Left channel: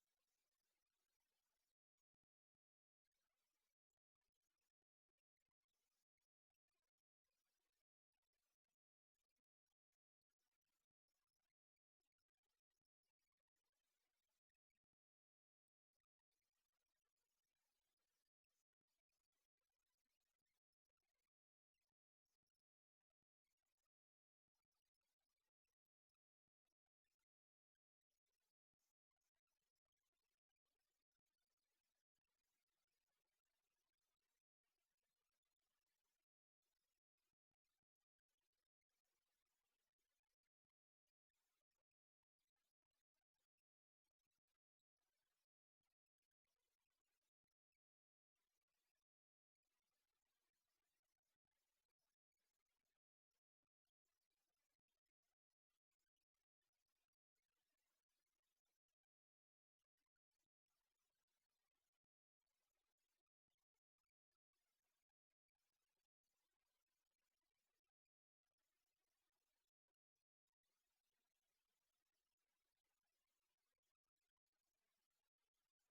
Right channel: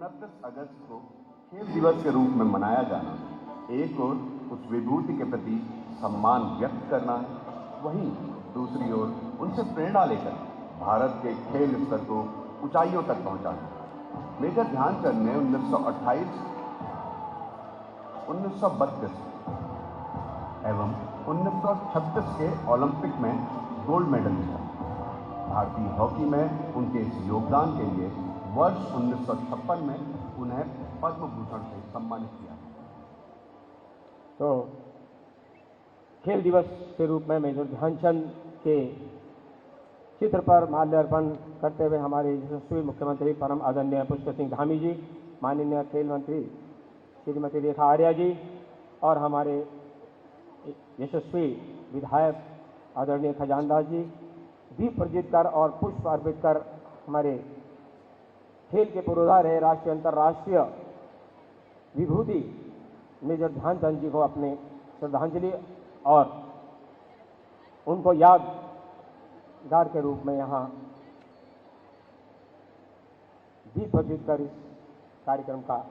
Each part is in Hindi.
29 अगस्त को खेल दिवस के रूप में मनाया जाना एक ओर उस विभूति के प्रति सम्मान व्यक्त करना है, वहीं दूसरी ओर उनसे प्रेरणा लेकर भारत के खेल स्तर को ऊंचाइयों तक पहुंचाना। मेजर ध्यानचंद ने 1928, 1932 एवं 1936 के ओलंपिक में गोल्ड मेडल जीता। भारतीय हॉकी में उनके इस योगदान के लिए वर्ष 1956 में उन्हें पद्म भूषण से सम्मानित किया। तो खेल दिवस के रूप में मेजर ध्यानचंद के चित्र पर माल्यार्पण करते हुए हमारे यशस्वी मुख्यमंत्री परम आदरणीय पुष्कर सिंह धामी जी, माननीय खेल मंत्री श्रीमती रेखा आर्या जी और हमारे यशस्वी विधायक आदरणीय खजानदास जी दीप प्रज्वलित कर और पुष्प अर्पित कर हमारे खेल के पुरोधा रहे राष्ट्रीय अंतर्राष्ट्रीय विभूति मेजर ध्यानचंद जी को अपने श्रद्धांजलि और उनको यादगार के रूप में यहाँ दीप प्रज्वलित कर इस कार्यक्रम का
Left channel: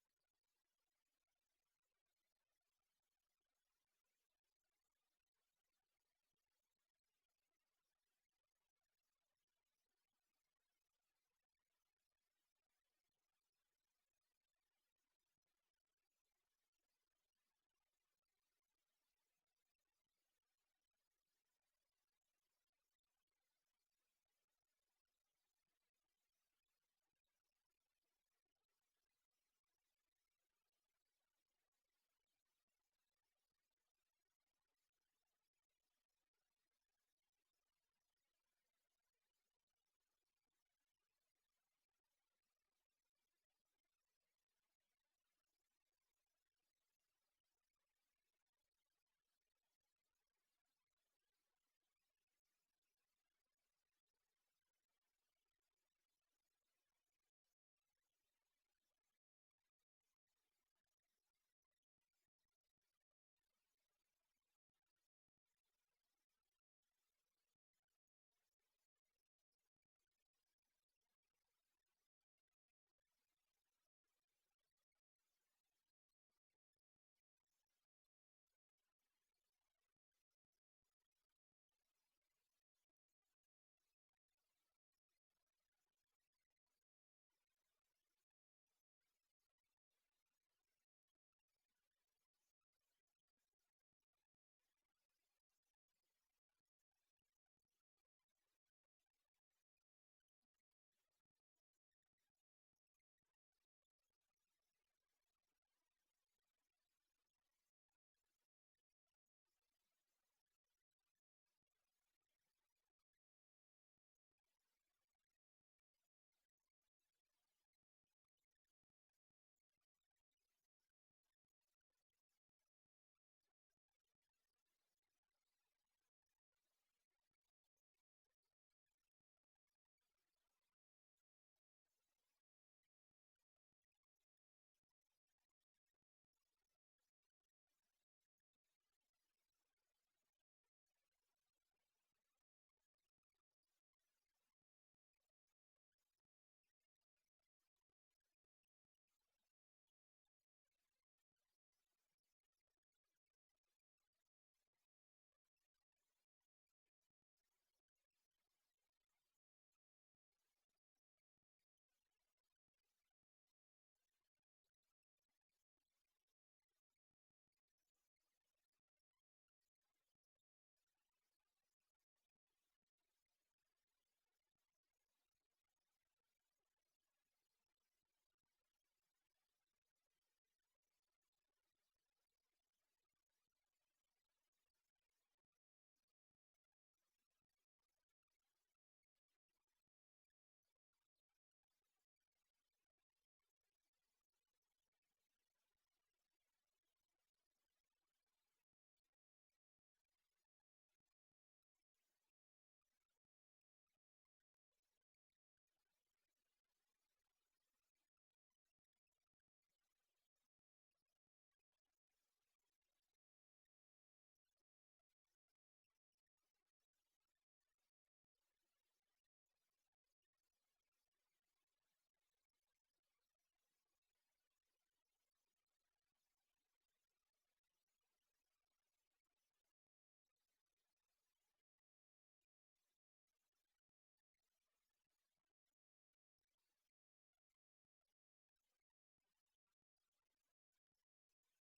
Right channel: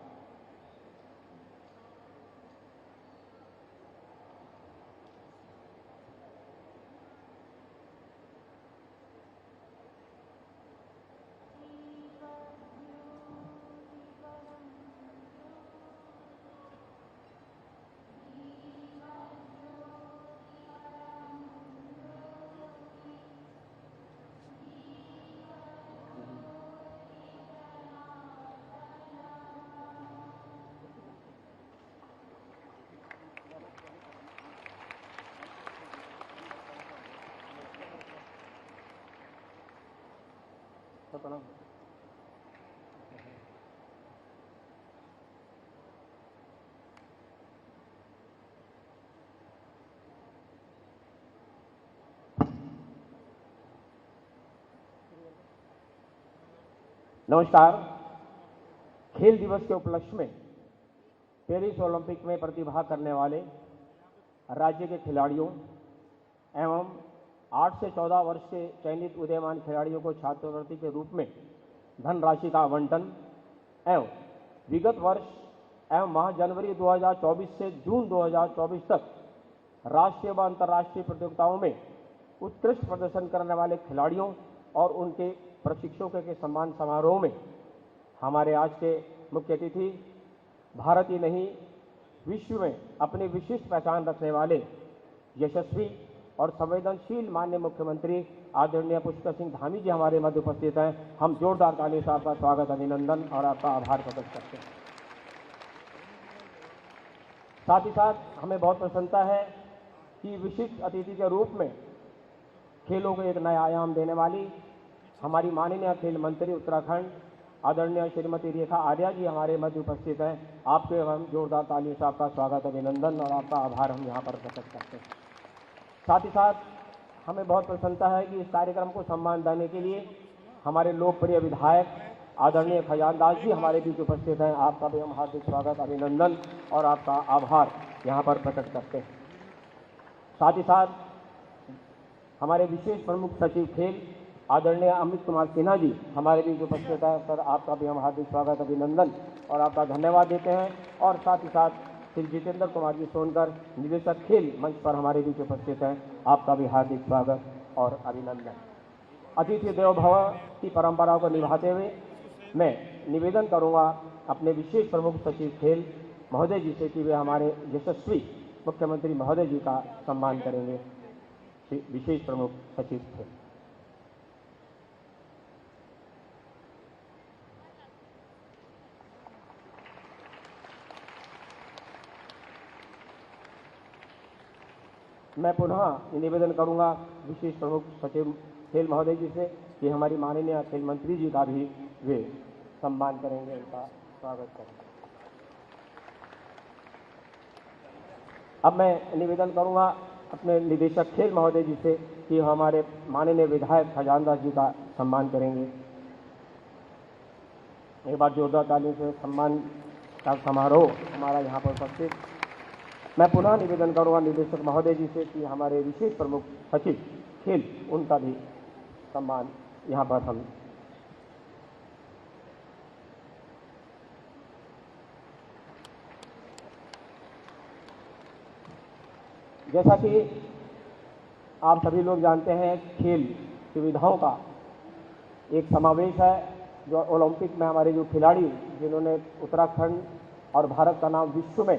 नमस्कार। खेल दिवस के उपलक्ष्य में पेरिस ओलंपिक में प्रतिभाग करने वाले राज्य के खिलाड़ियों एवं 8 से 14 वर्ष के चयनित उदीयमान खिलाड़ियों को छात्रवृत्ति के रूप में धनराशि का आवंटन एवं विगत वर्ष एवं माह जनवरी 2024 से जून 2024 तक राष्ट्रीय व अंतर्राष्ट्रीय प्रतियोगिताओं में उत्कृष्ट प्रदर्शन करने वाले खिलाड़ियों और उनके प्रशिक्षकों के सम्मान समारोह में हमारे आज के मुख्य अतिथि भारत ही नहीं विश्व में अपनी विशिष्ट पहचान रखने वाले यशस्वी और संवेदनशील माननीय मुख्यमंत्री आदरणीय पुष्कर सिंह धामी जी हमारे मध्य उपस्थित हैं। हम जोरदार ताली से आपका स्वागत, अभिनंदन और आपका आभार प्रकट करते हैं। साथ ही साथ हमें बहुत प्रसन्नता है कि विशिष्ट अतिथि के रूप में खेलों को एक नया आयाम देने वाली हमारी माननीय खेल मंत्री उत्तराखंड आदरणीय श्रीमती रेखा आर्या जी हमारे मध्य उपस्थित हैं। आपके हम जोरदार तालियों से आपका स्वागत, अभिनंदन और आपका आभार हम यहाँ पर प्रकट करते हैं। साथ ही साथ हमें बहुत प्रसन्नता है कि इस कार्यक्रम को सम्मान देने के लिए हमारे लोकप्रिय विधायक आदरणीय खजानदास जी हमारे बीच उपस्थित हैं। आपका भी हम हार्दिक स्वागत, अभिनंदन और आपका आभार यहाँ पर प्रकट करते हैं। साथ ही साथ हमारे विशेष प्रमुख सचिव खेल आदरणीय अमित कुमार सिन्हा जी हमारे बीच उपस्थित है। सर, आपका भी हम हार्दिक स्वागत, अभिनंदन और आपका धन्यवाद देते हैं। और साथ ही साथ श्री जितेंद्र कुमार जी सोनकर निदेशक खेल मंच पर हमारे बीच उपस्थित हैं। आपका भी हार्दिक स्वागत और अभिनंदन। अतिथि देवो भव की परंपरा को निभाते हुए मैं निवेदन करूंगा अपने विशेष प्रमुख सचिव खेल महोदय जी से कि वे हमारे यशस्वी मुख्यमंत्री महोदय जी का सम्मान करेंगे। विशेष प्रमुख सचिव खेल। मैं पुनः निवेदन करूंगा विशेष प्रमुख सचिव खेल महोदय जी से कि हमारी माननीय खेल मंत्री जी का भी वे सम्मान करेंगे, उनका स्वागत करेंगे। अब मैं निवेदन करूंगा अपने निदेशक खेल महोदय जी से कि हमारे माननीय विधायक खजानदास जी का सम्मान करेंगे। एक बार जोरदार ताली से सम्मान का समारोह हमारा यहाँ पर उपस्थित। मैं पुनः निवेदन करूंगा निदेशक महोदय जी से कि हमारे विशेष प्रमुख सचिव खेल उनका भी सम्मान यहाँ पर हम जैसा कि आप सभी लोग जानते हैं, खेल सुविधाओं का एक समावेश है जो ओलंपिक में हमारे जो खिलाड़ी जिन्होंने उत्तराखंड और भारत का नाम विश्व में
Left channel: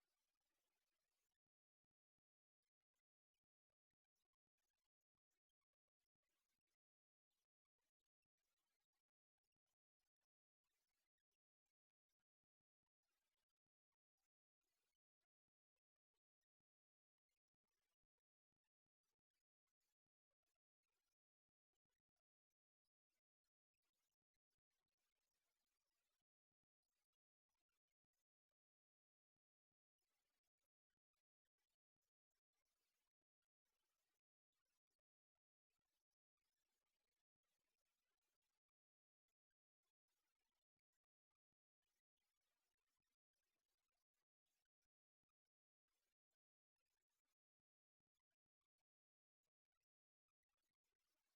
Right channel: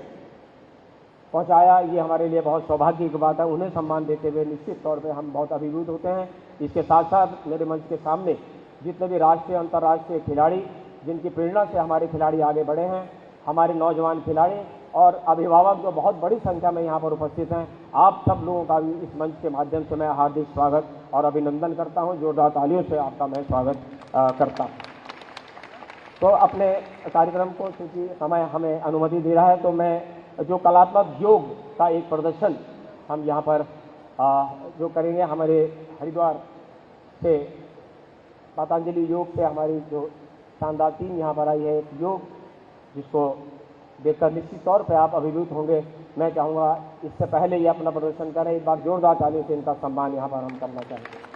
पहुंचाया, ये हमारे लिए बहुत सौभाग्य की बात है। उन्हें सम्मान देते हुए निश्चित तौर पे हम बहुत अभिभूत होते हैं। इसके साथ साथ मेरे मंच के सामने जितने भी राष्ट्रीय अंतर्राष्ट्रीय खिलाड़ी जिनकी प्रेरणा से हमारे खिलाड़ी आगे बढ़े हैं, हमारे नौजवान खिलाड़ी और अभिभावक जो बहुत बड़ी संख्या में यहाँ पर उपस्थित हैं, आप सब लोगों का भी इस मंच के माध्यम से मैं हार्दिक स्वागत और अभिनंदन करता हूँ। जोरदार तालियों से आपका मैं स्वागत करता हूँ। तो अपने कार्यक्रम को चूँकि समय हमें अनुमति दे रहा है, तो मैं जो कलात्मक योग का एक प्रदर्शन हम यहाँ पर जो करेंगे, हमारे हरिद्वार से पतंजलि योग से हमारी जो शानदार टीम यहाँ पर आई है, एक योग जिसको देखकर निश्चित तौर पे आप अभिभूत होंगे। मैं चाहूँगा इससे पहले ये अपना प्रदर्शन करें, एक बार जोरदार तालियों से इनका सम्मान यहाँ पर हम करना चाहेंगे।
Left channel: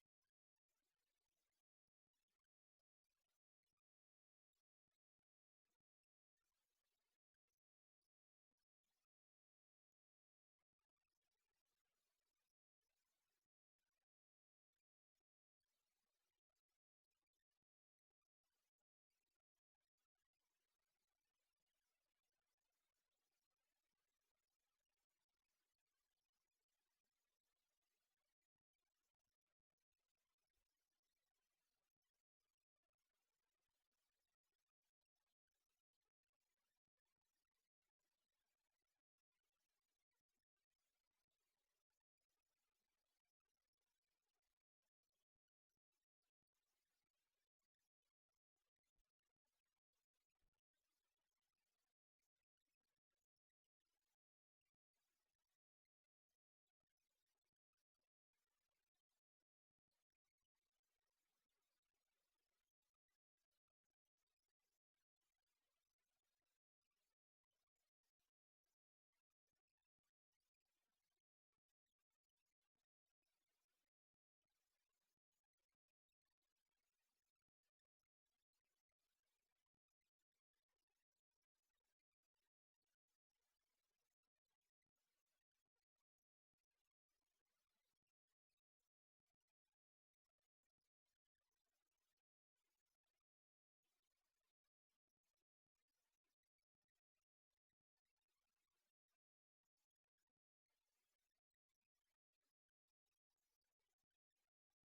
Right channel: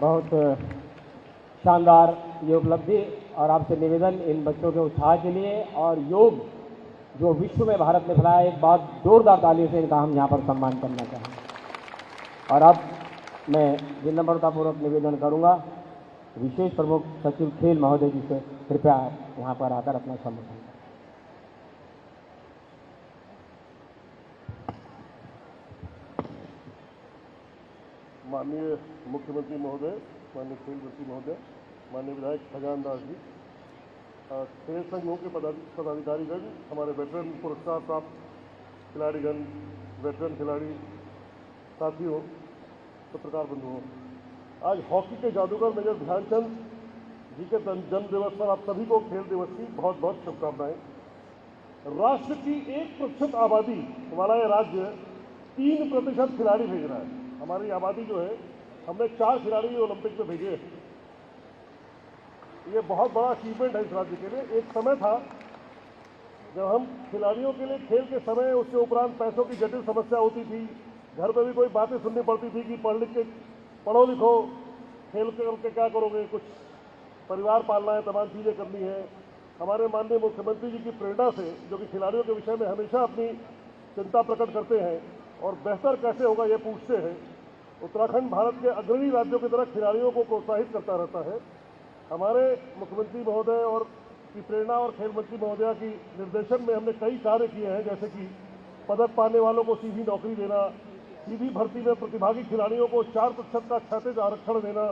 बहुत शानदार ये उपलब्धि और आपसे निवेदन इन बच्चों के उत्साह के लिए और योग जो विश्व में भारत ने फैलाया, एक बहुत जोरदार तालियों से इनका हम यहाँ पर सम्मान करना चाहेंगे। और अब मैं विनम्रतापूर्वक निवेदन करूँगा विशेष प्रमुख सचिव खेल महोदय जी से कृपया यहाँ पर आकर अपना सम्मान करें। माननीय मुख्यमंत्री महोदय, माननीय खेल मंत्री महोदय, माननीय विधायक खजान दास जी, खेल संघों के पदाधिकारीगण, हमारे वेटरन पुरस्कार प्राप्त खिलाड़ीगण, वेटरन खिलाड़ी साथियों, पत्रकार बंधुओं, आज हॉकी के जादूगर मेजर ध्यानचंद जी के जन्म दिवस पर आप सभी को खेल दिवस की बहुत बहुत शुभकामनाएं। राष्ट्र की 1% आबादी वाला यह राज्य 3% खिलाड़ी भेज रहा है। हमारी आबादी जो है, हमने 4 खिलाड़ी ओलंपिक में भेजे हैं। ये बहुत बड़ा अचीवमेंट है इस राज्य के लिए। एक समय था जब हम खिलाड़ियों के लिए खेल के समय उसके उपरांत पैसों की जटिल समस्या होती थी। घर पे भी कोई बातें सुननी पड़ती थी कि पढ़ लिख के पढ़ो लिखो, खेल करके क्या करोगे, कुछ परिवार पालना है, तमाम चीज़ें करनी है। हमारे माननीय मुख्यमंत्री जी की प्रेरणा से, जो कि खिलाड़ियों के विषय में हमेशा अपनी चिंता प्रकट करते हैं और बेहतर कैसे होगा ये पूछते हैं, उत्तराखंड भारत के अग्रणी राज्यों की तरह खिलाड़ियों को प्रोत्साहित करता रहता है। हमारे मुख्यमंत्री महोदय और की प्रेरणा और खेल मंत्री महोदया की निर्देशन में हमने कई कार्य किए हैं, जैसे कि पदक पाने वालों को सीधी नौकरी देना, सीधी भर्ती में प्रतिभागी खिलाड़ियों को 4% का क्षैतिज आरक्षण देना,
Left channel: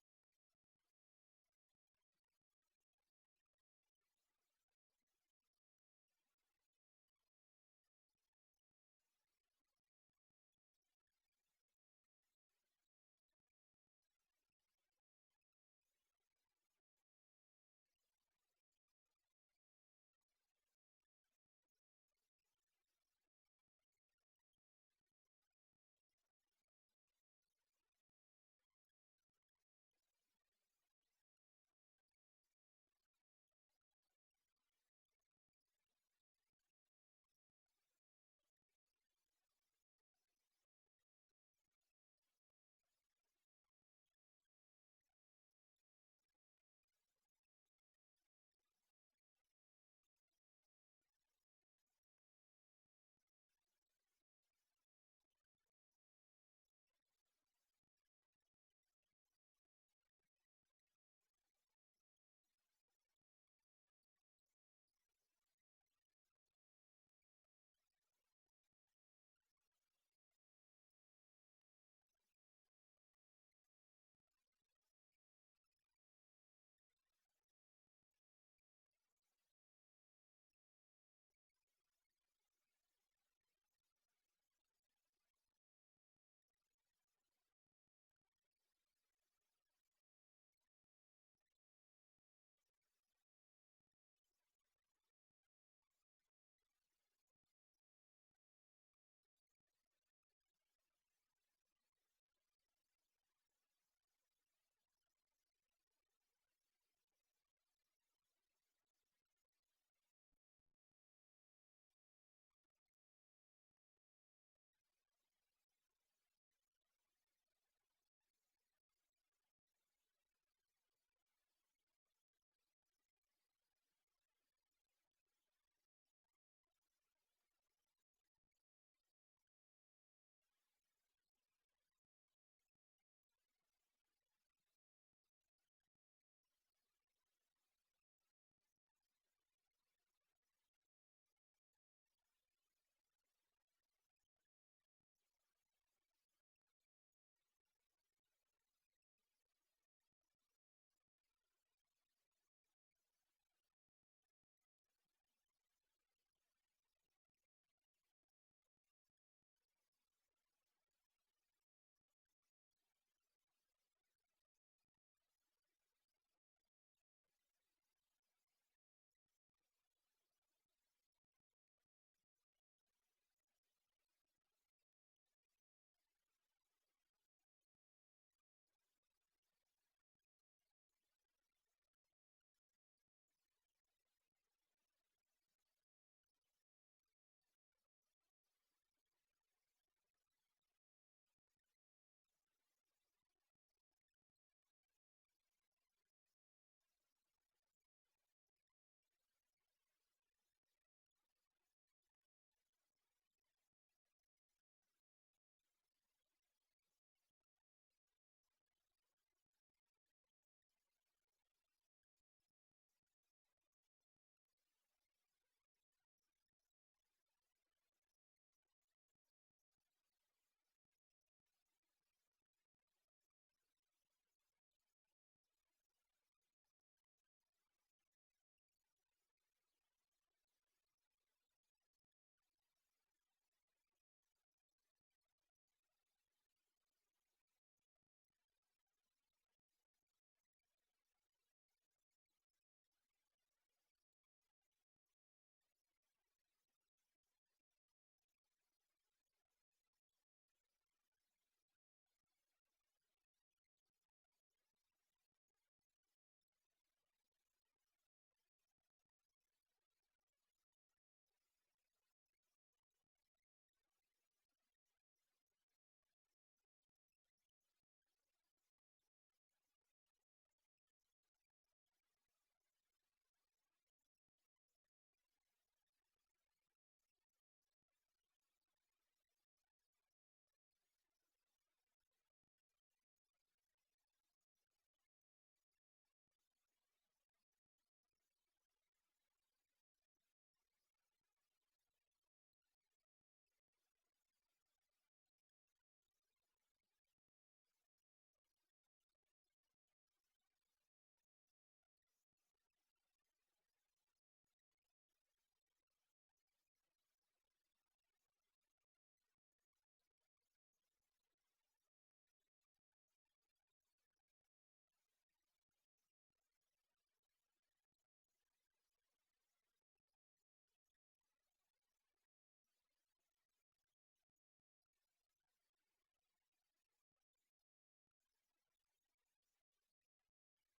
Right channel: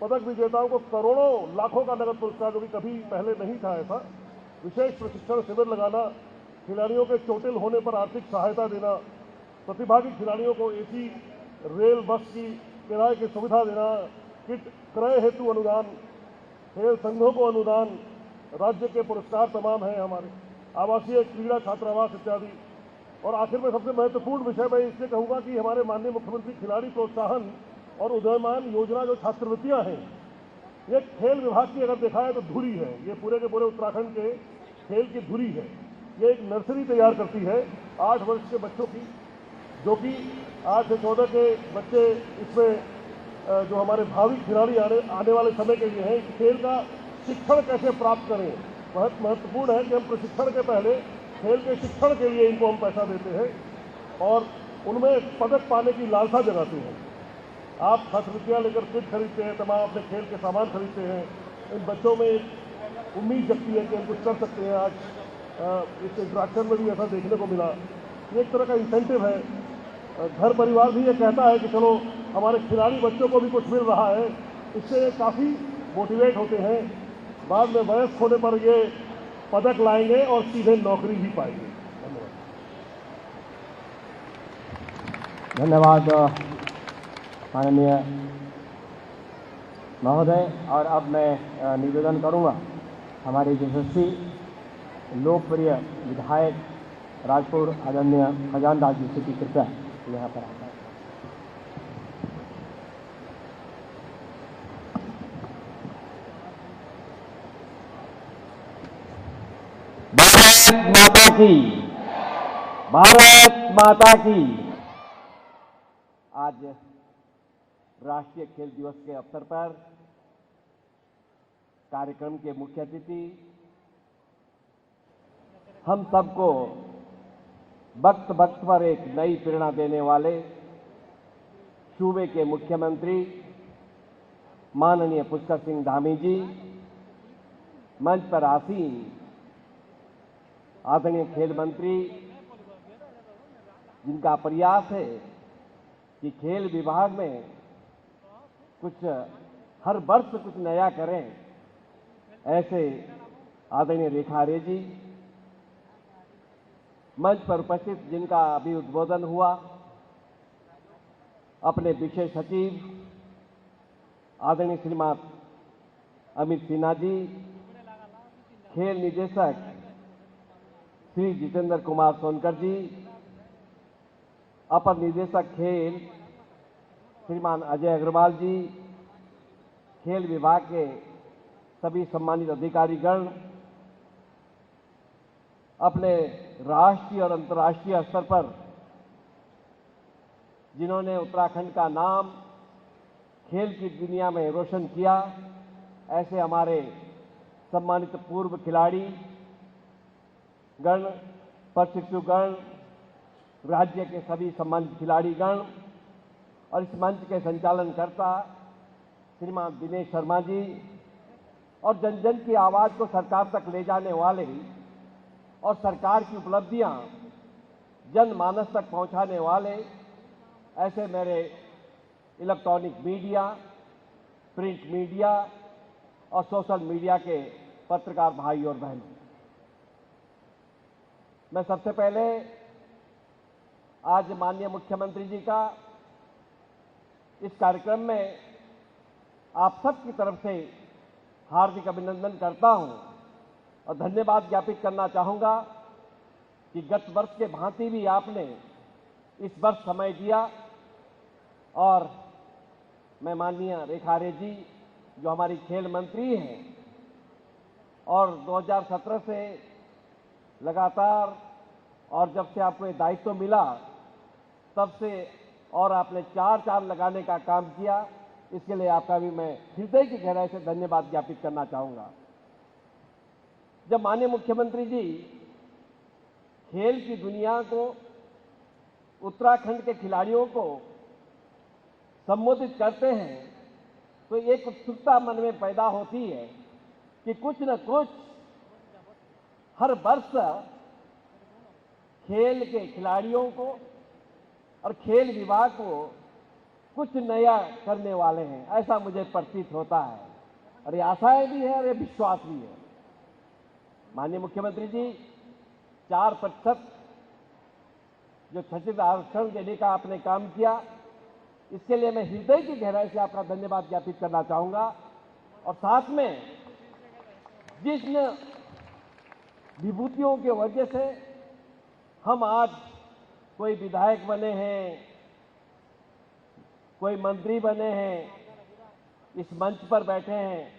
पदक विजेताओं को करोड़ों लाखों का नगद पुरस्कार, जो कि कभी पहले नहीं था ऐसा, विशेष प्रशिक्षण शिविर लगाना, खिलाड़ियों के चोटिल होने पर आर्थिक सहायता देना, प्रतिभागी खिलाड़ियों को एसी रेल बस की किराए की सुविधा देना, किट क्रय हेतु अनुदान, खेल संघों को अनुदान, राज्य के पुरस्कार तमाम हैं हमारे, आवासीय क्रीड़ा छात्रावास इत्यादि। और आखिर में सबसे महत्वपूर्ण विषय मैं इसलिए कहूँगा कि हमारे माननीय मुख्यमंत्री खिलाड़ी प्रोत्साहन और उदयमान योजना जो छात्रवृत्तियाँ हैं, ये खेल विभाग की अगर देखा है तो धुरी है। ये पूरे के पूरे उत्तराखंड के खेल की धुरी है। ये एक नर्सरी तैयार करती है 8 वर्ष के बच्चों की, जो कि 8 से 14 के बच्चे इसमें जो हमारे भावी खिलाड़ी आने वाले समय के लिए हैं, खेल का शिक्षण कैसे प्राप्त करें। बहुत महत्वपूर्ण है कि हम प्रशिक्षण के पहले खेल के शिक्षण के लिए इनको हम पैसा देते हैं और उनमें पदक पाने की लालसा जगाते हैं। आप छात्रवृत्तियाँ लेकर किट खरीदते हैं, तमाम अपने खेल के सामान खरीदते हैं। इन बच्चों में एक उम्मीद जगती है कि हम कुछ कर सकते हैं। आज इस इंट्रैक्शन में भी ऐसा देखने को मिला। ये एक तरह का इंसेंटिव है। घर परिवार भी ये कहता है कि चलो हमारे खिलाड़ी बच्चों को भी कुछ मिल रहा है, इससे काफ़ी मोटिवेट होते हैं। बाद में वयस्क होने पर ये पदक लाएंगे और सीधे नौकरी भी पाएंगे। धन्यवाद माननीय महोदय। और अब मैं निवेदन करूंगा हमारे यशस्वी लोकप्रिय विधायक राजपुर आदरणीय खजान दास जी से की कृपया यहाँ पर आता है। भारत माता की, भारत माता की। आज राष्ट्रीय खेल दिवस के अवसर पर कार्यक्रम के मुख्य अतिथि हम सबको वक्त वक्त पर एक नई प्रेरणा देने वाले सूबे के मुख्यमंत्री माननीय पुष्कर सिंह धामी जी, मंच पर आसीन आदरणीय खेल मंत्री, जिनका प्रयास है कि खेल विभाग में कुछ हर वर्ष कुछ नया करें, ऐसे आदरणीय रेखा रे जी, मंच पर उपस्थित जिनका अभी उद्बोधन हुआ, अपने विशेष सचिव आदरणीय श्रीमान अमित सिन्हा जी, खेल निदेशक श्री जितेंद्र कुमार सोनकर जी, अपर निदेशक खेल श्रीमान अजय अग्रवाल जी, खेल विभाग के सभी सम्मानित अधिकारीगण, अपने राष्ट्रीय और अंतर्राष्ट्रीय स्तर पर जिन्होंने उत्तराखंड का नाम खेल की दुनिया में रोशन किया, ऐसे हमारे सम्मानित पूर्व खिलाड़ी गण, प्रशिक्षुगण, राज्य के सभी सम्मानित खिलाड़ीगण और इस मंच के संचालनकर्ता श्रीमान दिनेश शर्मा जी और जन जन की आवाज़ को सरकार तक ले जाने वाले और सरकार की उपलब्धियां जनमानस तक पहुंचाने वाले ऐसे मेरे इलेक्ट्रॉनिक मीडिया, प्रिंट मीडिया और सोशल मीडिया के पत्रकार भाई और बहनों, मैं सबसे पहले आज माननीय मुख्यमंत्री जी का इस कार्यक्रम में आप सबकी तरफ से हार्दिक अभिनंदन करता हूं और धन्यवाद ज्ञापित करना चाहूंगा कि गत वर्ष के भांति भी आपने इस वर्ष समय दिया और मैं माननीय रेखा आर्य जी जो हमारी खेल मंत्री हैं और 2017 से लगातार और जब से आपको ये दायित्व मिला तब से और आपने चार चांद लगाने का काम किया, इसके लिए आपका भी मैं हृदय की गहराई से धन्यवाद ज्ञापित करना चाहूंगा। जब माननीय मुख्यमंत्री जी खेल की दुनिया को, उत्तराखंड के खिलाड़ियों को संबोधित करते हैं तो एक उत्सुकता मन में पैदा होती है कि कुछ न कुछ हर वर्ष खेल के खिलाड़ियों को और खेल विभाग को कुछ नया करने वाले हैं, ऐसा मुझे प्रतीत होता है और ये आशाएं भी है और ये विश्वास भी है। माननीय मुख्यमंत्री जी 4% जो छठित आरक्षण देने का आपने काम किया, इसके लिए मैं हृदय की गहराई से आपका धन्यवाद ज्ञापित करना चाहूंगा और साथ में जिस विभूतियों के वजह से हम आज कोई विधायक बने हैं, कोई मंत्री बने हैं, इस मंच पर बैठे हैं,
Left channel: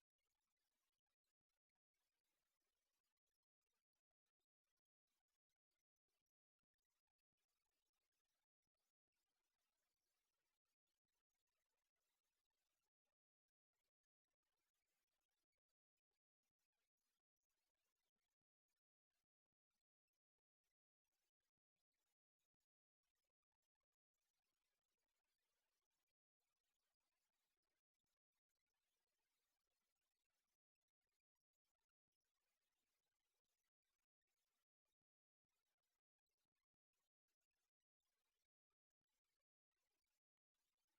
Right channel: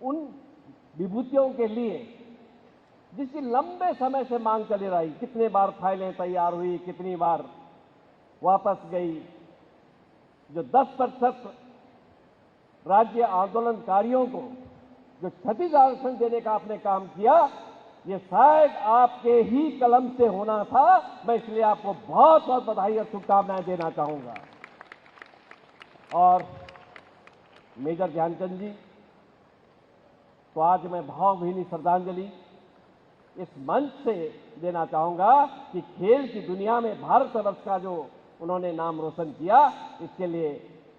उन विभूतियों के लिए जिसकी लंबे समय से मांग चली रही, कितने बार फाइलें तैयार हुई, कितनी बार वापस गई, जो 10% राज्य आंदोलनकारियों को जो छठित आरक्षण देने का आपने काम किया, ये शायद आपके ही कलम से होना था। मैं इसलिए आपको बहुत बहुत बधाई और शुभकामनाएं देना चाहूंगा। और मेजर ध्यानचंद जी, तो आज मैं भावभीनी श्रद्धांजलि इस मंच से देना चाहूंगा कि खेल की दुनिया में भारतवर्ष का जो उन्होंने नाम रोशन किया, इसके लिए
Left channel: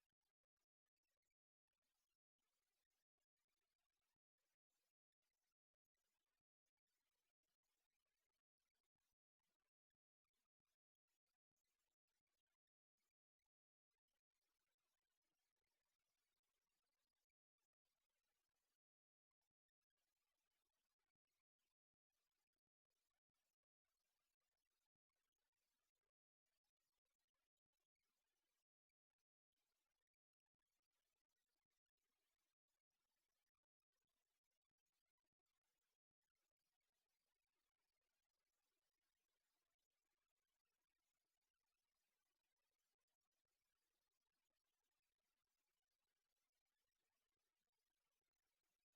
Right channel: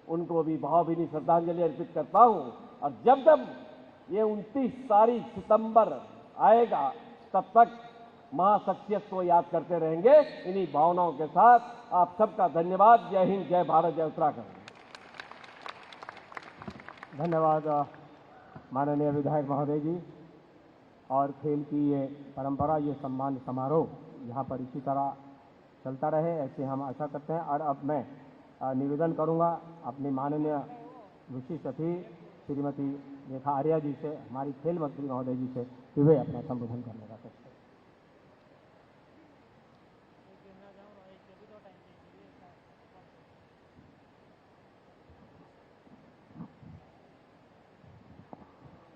उनको भी भावभीनी श्रद्धांजलि अर्पित करता हूं। और जब जब ये 29 तारीख सितंबर आएगा तब तक महाशख्सियत को याद करते रहेंगे। इन्हीं भावनाओं के साथ आप सबका धन्यवाद। जय हिंद, जय भारत, जय उत्तराखंड। धन्यवाद माननीय विधायक महोदय जी। और खेल की ये परंपरा, ये सम्मान समारोह यहाँ पर इसी तरह चलता रहे, ऐसे हम आशा करते हैं। और अब मैं निवेदन करूँगा अपनी माननीय विशिष्ट अतिथि श्रीमती रेखा आर्या जी से, हमारी खेल मंत्री महोदय जी से, कि वे अपना संबोधन करने का कष्ट करें।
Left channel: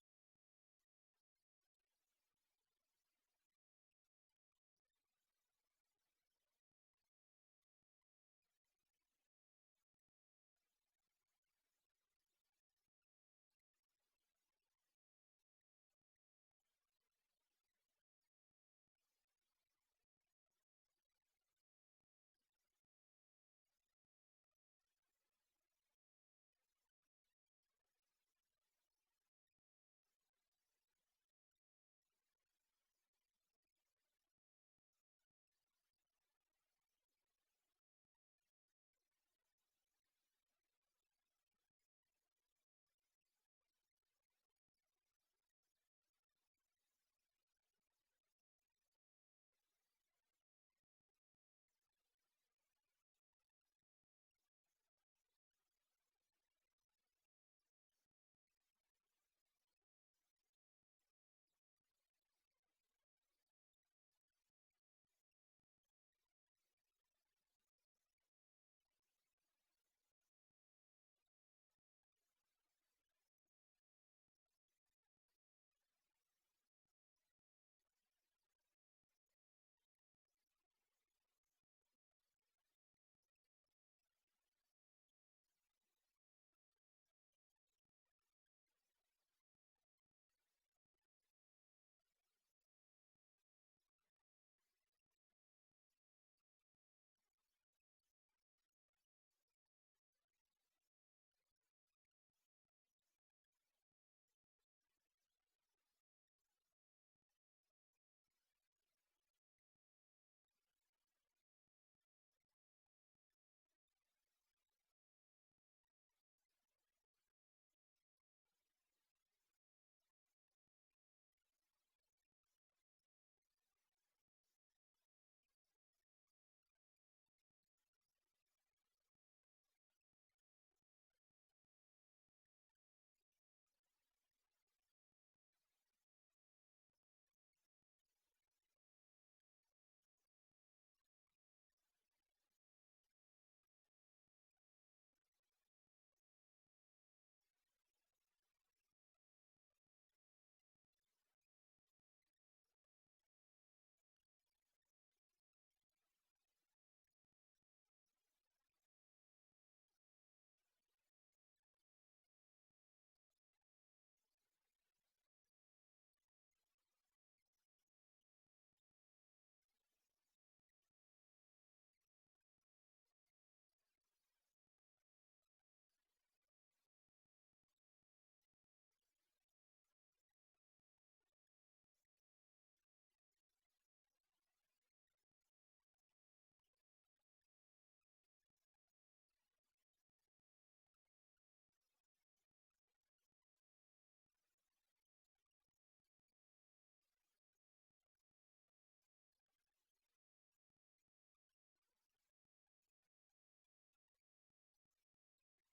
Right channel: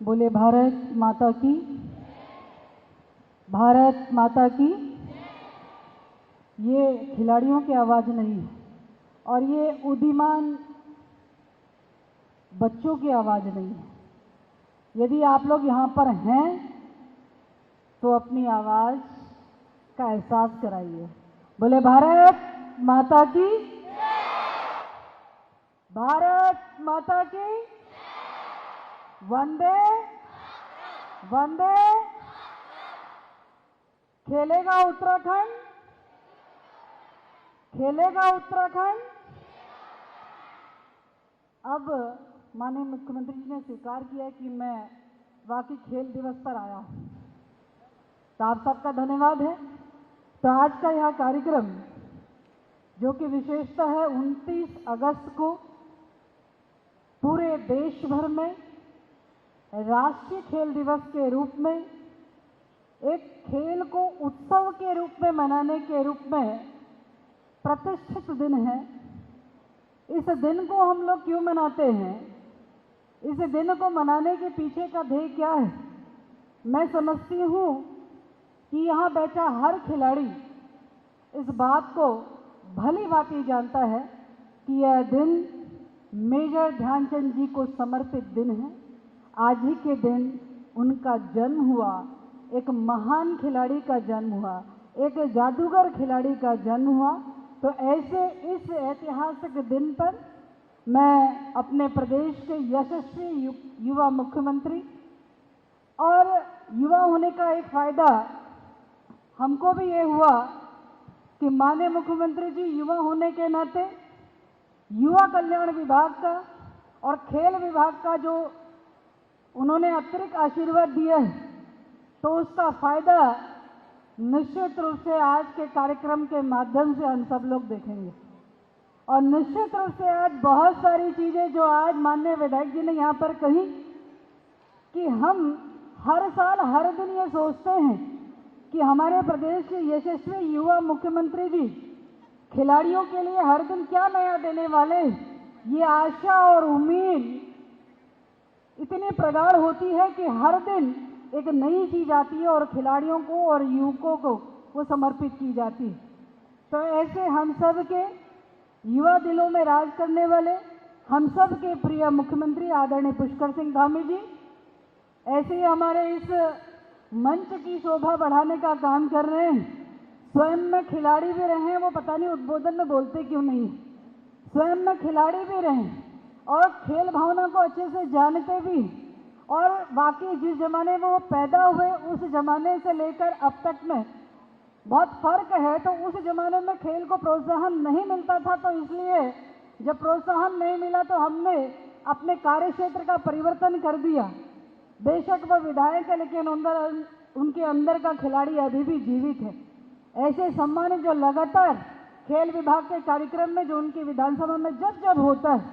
बोले भारत माता की, भारत माता की। ये खिलाड़ियों की आवाज़ नहीं है और ये उदीयमान बच्चों की आवाज़ नहीं है। यदि आप लोग यहाँ पर हैं तो अपनी आवाज़ का एहसास कराइए। बोले भारत माता की, भारत माता की। वंदे वंदे। खेलेगा उत्तराखंड, खेलेगा उत्तराखंड। अब माननीय मुख्यमंत्री जी ने स्वीकार किया कि मैं वाकई खेल दिवस पर आया हूं, तो आप सबका धन्यवाद है। तो आज का यह कार्यक्रम जो कि विशेषता है 29 अगस्त को पूरे देश भर में राष्ट्रीय खेल दिवस के रूप में, एक खेल को उत्सव के रूप में मनाने के रूप में प्रतिष्ठित दिन है। इस दिन को हम लोग क्यों मनाते हैं, इस दिन को मनाने के पीछे का ध्येय क्या है? मैं समझती हूँ कि यहाँ बैठा हर खिलाड़ी इस बात को भली भांति जानता है कि यह दिन मेजर ध्यानचंद जी को समर्पित दिन है। आज ही के दिन उनका जन्म हुआ, एक महान खिलाड़ी का जन्म हुआ, एक जादूगर खिलाड़ी का जन्म हुआ। तो ऐसे इस ऐतिहासिक दिन पर मैं अपने प्रदेश के यशस्वी युवा मुख्यमंत्री, और युवा होने का एक फायदा हमको भी ये हुआ कि माननीय मुख्यमंत्री जी युवा होने के नाते युवा कल्याण विभाग का और खेल विभाग का जो उन्होंने अतिरिक्त आशीर्वाद दिया है, तो उसका फायदा निश्चित रूप से आज के कार्यक्रम के माध्यम से हम सब लोग देखेंगे। और निश्चित रूप से आज बहुत सारी चीज़ें जो आज माननीय विधायक जी ने यहाँ पर कही कि हम हर साल हर दिन ये सोचते हैं कि हमारे प्रदेश के यशस्वी युवा मुख्यमंत्री जी खिलाड़ियों के लिए हर दिन क्या नया देने वाले हैं। ये आशा और उम्मीद इतनी प्रगाढ़ होती है कि हर दिन एक नई चीज आती है और खिलाड़ियों को और युवकों को वो समर्पित की जाती है। तो ऐसे हम सब के युवा दिलों में राज करने वाले हम सब के प्रिय मुख्यमंत्री आदरणीय पुष्कर सिंह धामी जी ऐसे ही हमारे इस मंच की शोभा बढ़ाने का काम कर रहे हैं। स्वयं में खिलाड़ी भी रहे हैं, वो पता नहीं उद्बोधन में बोलते क्यों नहीं, स्वयं में खिलाड़ी भी रहे और खेल भावना को अच्छे से जानते भी, और वाकई जिस जमाने में वो पैदा हुए उस जमाने से लेकर अब तक में बहुत फर्क है। तो उस जमाने में खेल को प्रोत्साहन नहीं मिलता था, तो इसलिए जब प्रोत्साहन नहीं मिला तो हमने अपने कार्य क्षेत्र का परिवर्तन कर दिया। बेशक वो विधायक है, लेकिन उनके अंदर का खिलाड़ी अभी भी जीवित है। ऐसे सम्मान जो लगातार खेल विभाग के कार्यक्रम में जो उनकी विधानसभा में जब जब होता है,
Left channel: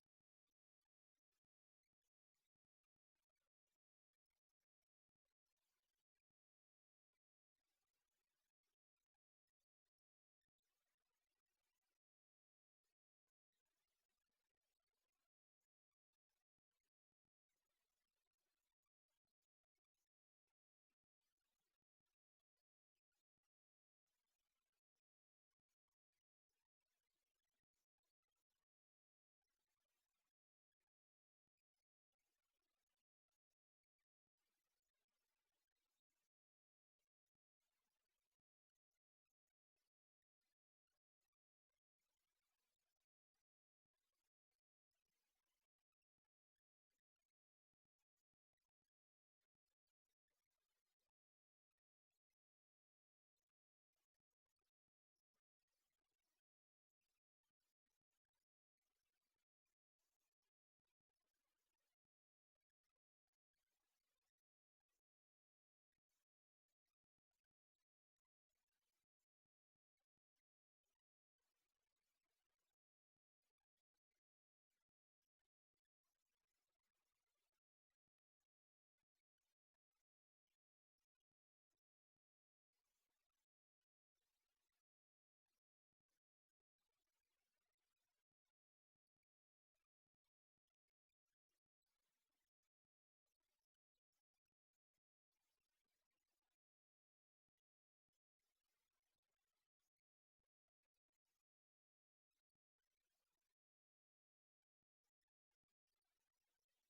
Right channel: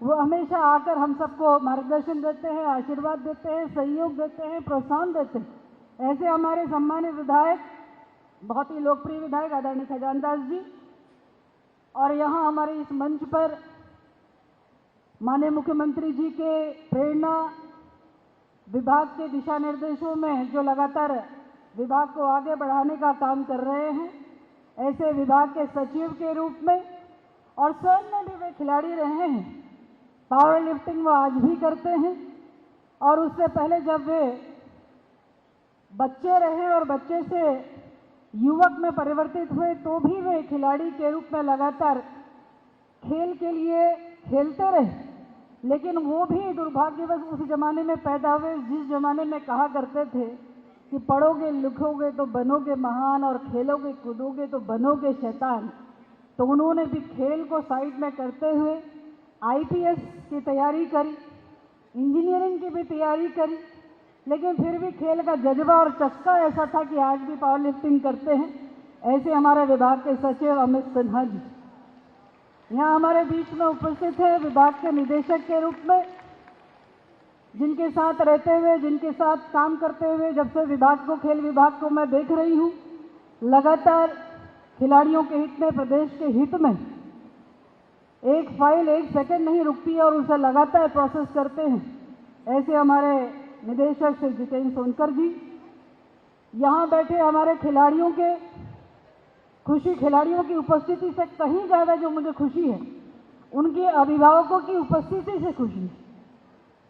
वो हमेशा आकर हम सबको मार्गदर्शन देते हैं, आशीर्वाद देते हैं, सहयोग देते हैं, प्रोत्साहन देते हैं। ऐसे हमारे सम्मानित विधायक, बहुत ही लोकप्रिय विधायक आदरणीय खजानदास जी, और यहाँ हमारे इस मंच पर माननीय मुख्यमंत्री जी के प्रेरणा विभाग के दिशा निर्देशों में जो लगातार विभाग को आगे बढ़ाने का काम कर रहे हैं, ऐसे विभाग के सचिव के रूप में, और स्वयं में भी वे खिलाड़ी रहे हैं। पावर लिफ्टिंग वो आज भी करते हैं, और उससे पहले जब वे बच्चे रहे और बच्चे से युवक में परिवर्तित हुए तो भी वे खिलाड़ी के रूप में लगातार खेल के लिए खेलते रहे। लेकिन वो भी दुर्भाग्यवश उस जमाने में पैदा हुए जिस जमाने में कहा करते थे कि पढ़ोगे लिखोगे तो बनोगे महान और खेलोगे कूदोगे तो बनोगे शैतान। तो उन्होंने भी खेल को साइड में करते हुए IPS की तैयारी करी, इंजीनियरिंग की भी तैयारी करी, लेकिन फिर भी खेल का जज्बा और चस्का ऐसा था कि आज भी पावर लिफ्टिंग करते हैं। ऐसे हमारे विभाग के सचिव अमित सिन्हा जी यहाँ हमारे बीच में उपस्थित है, विभाग के निदेशक के रूप में, जिनके साथ रहते हुए, जिनके साथ काम करते हुए जब से विभाग को, खेल विभाग को मैं देख रही हूँ, लगातार खिलाड़ियों के हित में, प्रदेश के हित में एक फाइल एक सेकंड नहीं रुकती है और उसे लगातार प्रोसेस करते हैं। ऐसे हमारे निदेशक श्री जितेंद्र सोनकर जी, यहाँ बैठे हमारे खिलाड़ियों के खुशी, खिलाड़ियों की उपस्थिति से कहीं ज़्यादा जो मुझे खुशी है, उनके अभिभावकों की उपस्थिति से खुशी है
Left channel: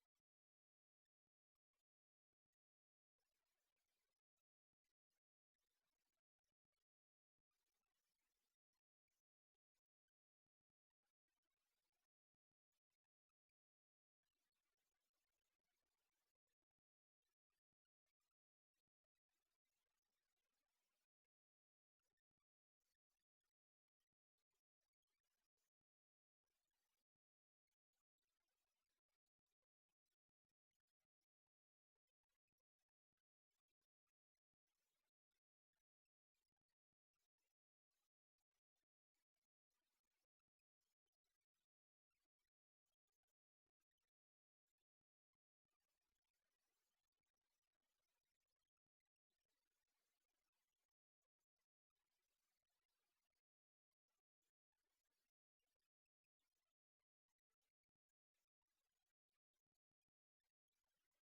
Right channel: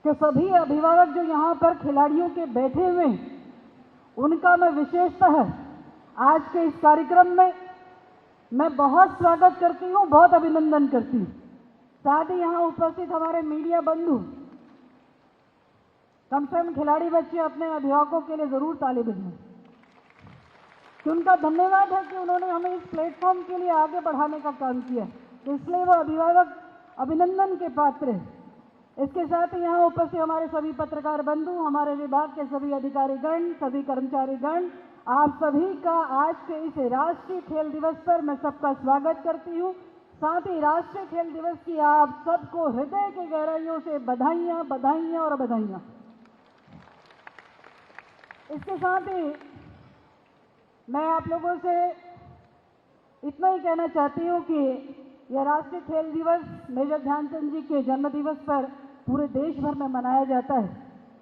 कि सभी अभिभावक जो यहाँ पर खिलाड़ियों के बैठे हुए हैं, उनका मैं विशेषतः आज के इस कार्यक्रम में मैं बहुत स्वागत करती हूँ, बहुत अभिनंदन करती हूँ। साथ ही यहाँ उपस्थित हमारे मीडिया बंधु, कम से कम खिलाड़ी बच्चे अपने अभिभावकों के लिए जरूर ताली बजाएं कि उनका धन्यवाद है कि उन्होंने हमें इस प्लेटफॉर्म के लिए आगे बढ़ाने का काम किया, तो इसलिए वो अभिभावक अभिनंदन के पात्र हैं। इसके साथ ही यहाँ उपस्थित हमारे सभी पत्रकार बंधु, हमारे विभाग के सभी अधिकारीगण, सभी कर्मचारीगण, आप सभी का आज के इस राष्ट्रीय खेल दिवस पर मैं सबका स्वागत करती हूँ। साथ ही राष्ट्रीय खेल दिवस की आप सबको हृदय की गहराइयों से बधाइयाँ, बधाइयाँ और बधाइयाँ। इसके साथ ही मैं आप लोगों से इतना ही कहना चाहती हूँ कि यह राष्ट्रीय खेल दिवस मेजर ध्यानचंद जी के जन्म दिवस पर पूरे देश भर में मनाया जाता है।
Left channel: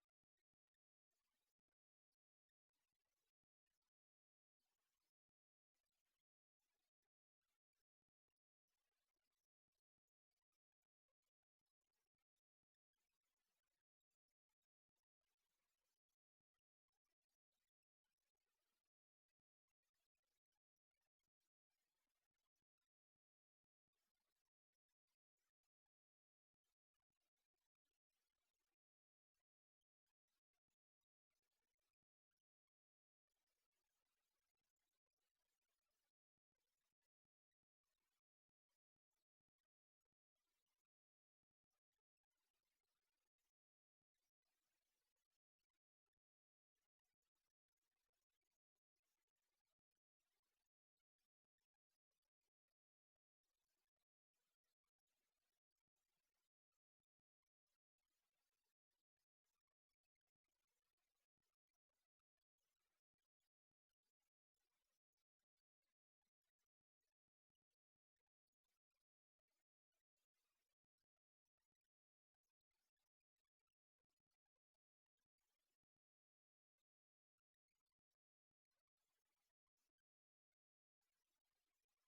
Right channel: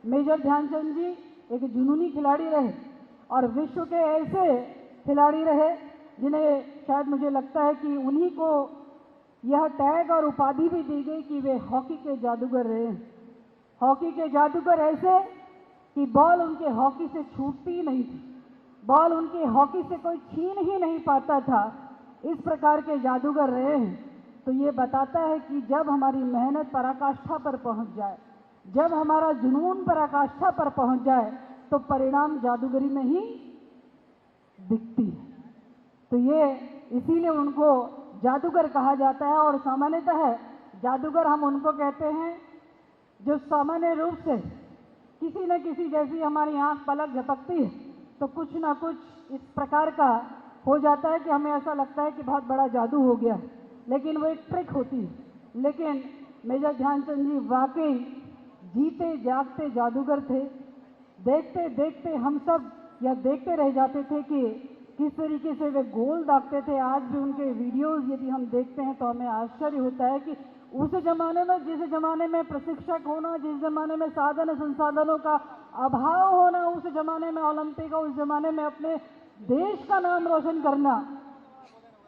मेजर ध्यानचंद जी एक जुनूनी खिलाड़ी रहे और विश्व के ऐसे खिलाड़ी रहे जिन्हें शायद मुझे लगता है कि उन्हीं को यह टैग और उपाधि भी दी गई कि वे हॉकी के जादूगर रहे। हॉकी के जादूगर ऐसे कि बॉल उनके हॉकी से छूटती ही नहीं थी, बॉल उनके हॉकी से कोई छीन ही नहीं पाता था, इस प्रकार के जादूगर रहे हैं। तो ये बताता है कि जब हमारी मेहनत पराकाष्ठा पर पहुंच जाए, जब हमारा जुनून पराकाष्ठा पर पहुंच जाए, तो परिणाम जादूगरी में ही दिखती है। तो ये इसीलिए उनको जादूगर कहा जाता है। और सामान्यतः जादूगर हम उनको कहते हैं जो सामान्य रूप से किसी न किसी जैसी हमारी आंख पलक झपकती है तो कुछ ना कुछ इस प्रकार का हो जाता है कि हमें ऐसा लगता है कि बहुत बड़ा जादू हो गया, लेकिन वो एक ट्रिक होती है। लेकिन मेजर ध्यानचंद जी वाकई जीते जागते जादूगर थे। देखते देखते हम सब यह देखते रह जाते थे कि किस तरीके से वे गोल दागते थे। आज भी उनके वीडियोस यदि हम देखते हैं तो हमें आश्चर्य होता है कि उस ज़माने में, जिस ज़माने में प्रशिक्षक होना, जिस ज़माने में साधन संसाधनों का अभाव होना, उस ज़माने में ओलंपिक, उस ज़माने में अपने देश का नाम रोशन करना,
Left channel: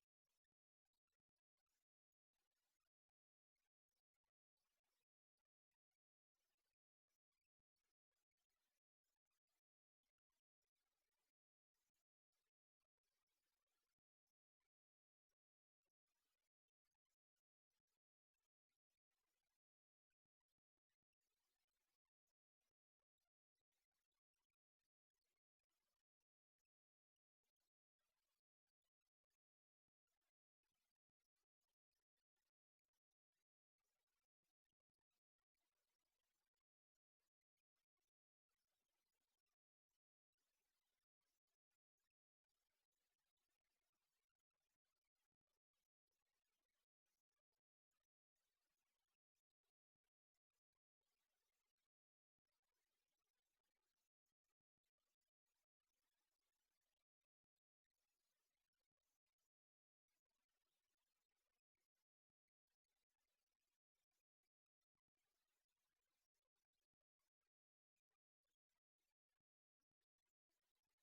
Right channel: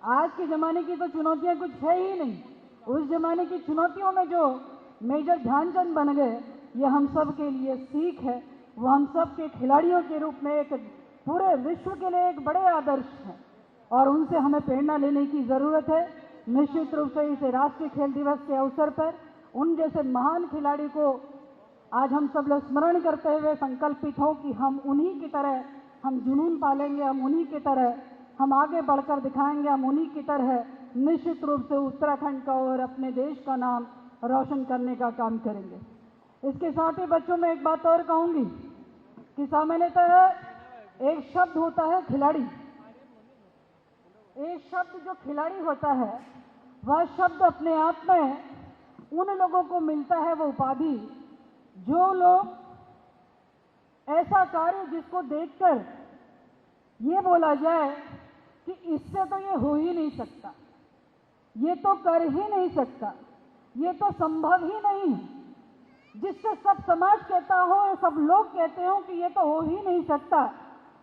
आज के ज़माने की तो चुनौतियां कुछ है ही नहीं। उस ज़माने की चुनौतियों में जो मेजर ध्यानचंद बन गए, ये हम सब के लिए सीख है। वो हम सब के खिलाड़ियों के रूप में एक पूरे विश्व के लिए एक बड़े आदर्श हैं और उनसे हमें प्रेरणा लेने की ज़रूरत है। निश्चित रूप से इसे राष्ट्रीय खेल दिवस के अवसर पर उन जैसे महान खिलाड़ी को आज हम सब लोग स्मरण करते हुए संकल्पित हों कि हम उन्हीं की तरह हम जुनून पालेंगे, हम उन्हीं की तरह हम आगे बढ़कर दिखाएंगे, हम उन्हीं की तरह निश्चित रूप से उत्तराखंड का और अपने देश का नाम रोशन करने का काम करेंगे। इसके साथ ही बच्चों में एक बात और कहूँगी कि सामान्यतः एक शब्द होता है खिलाड़ी। एक शब्द जो खिलाड़ी होता है वह शब्द अपने आप में उन लोगों को मिलता है वो उपाधि जो लोग ऐसा कार्य जिसको देखकर ये बोला जाए कि इससे तो ये हो ही नहीं सकता, ये तो कर ही नहीं सकता, ये तो संभव ही नहीं है, जिससे सब समाज कहता हो, सब लोग कहते हो कि ये तो हो ही नहीं सकता।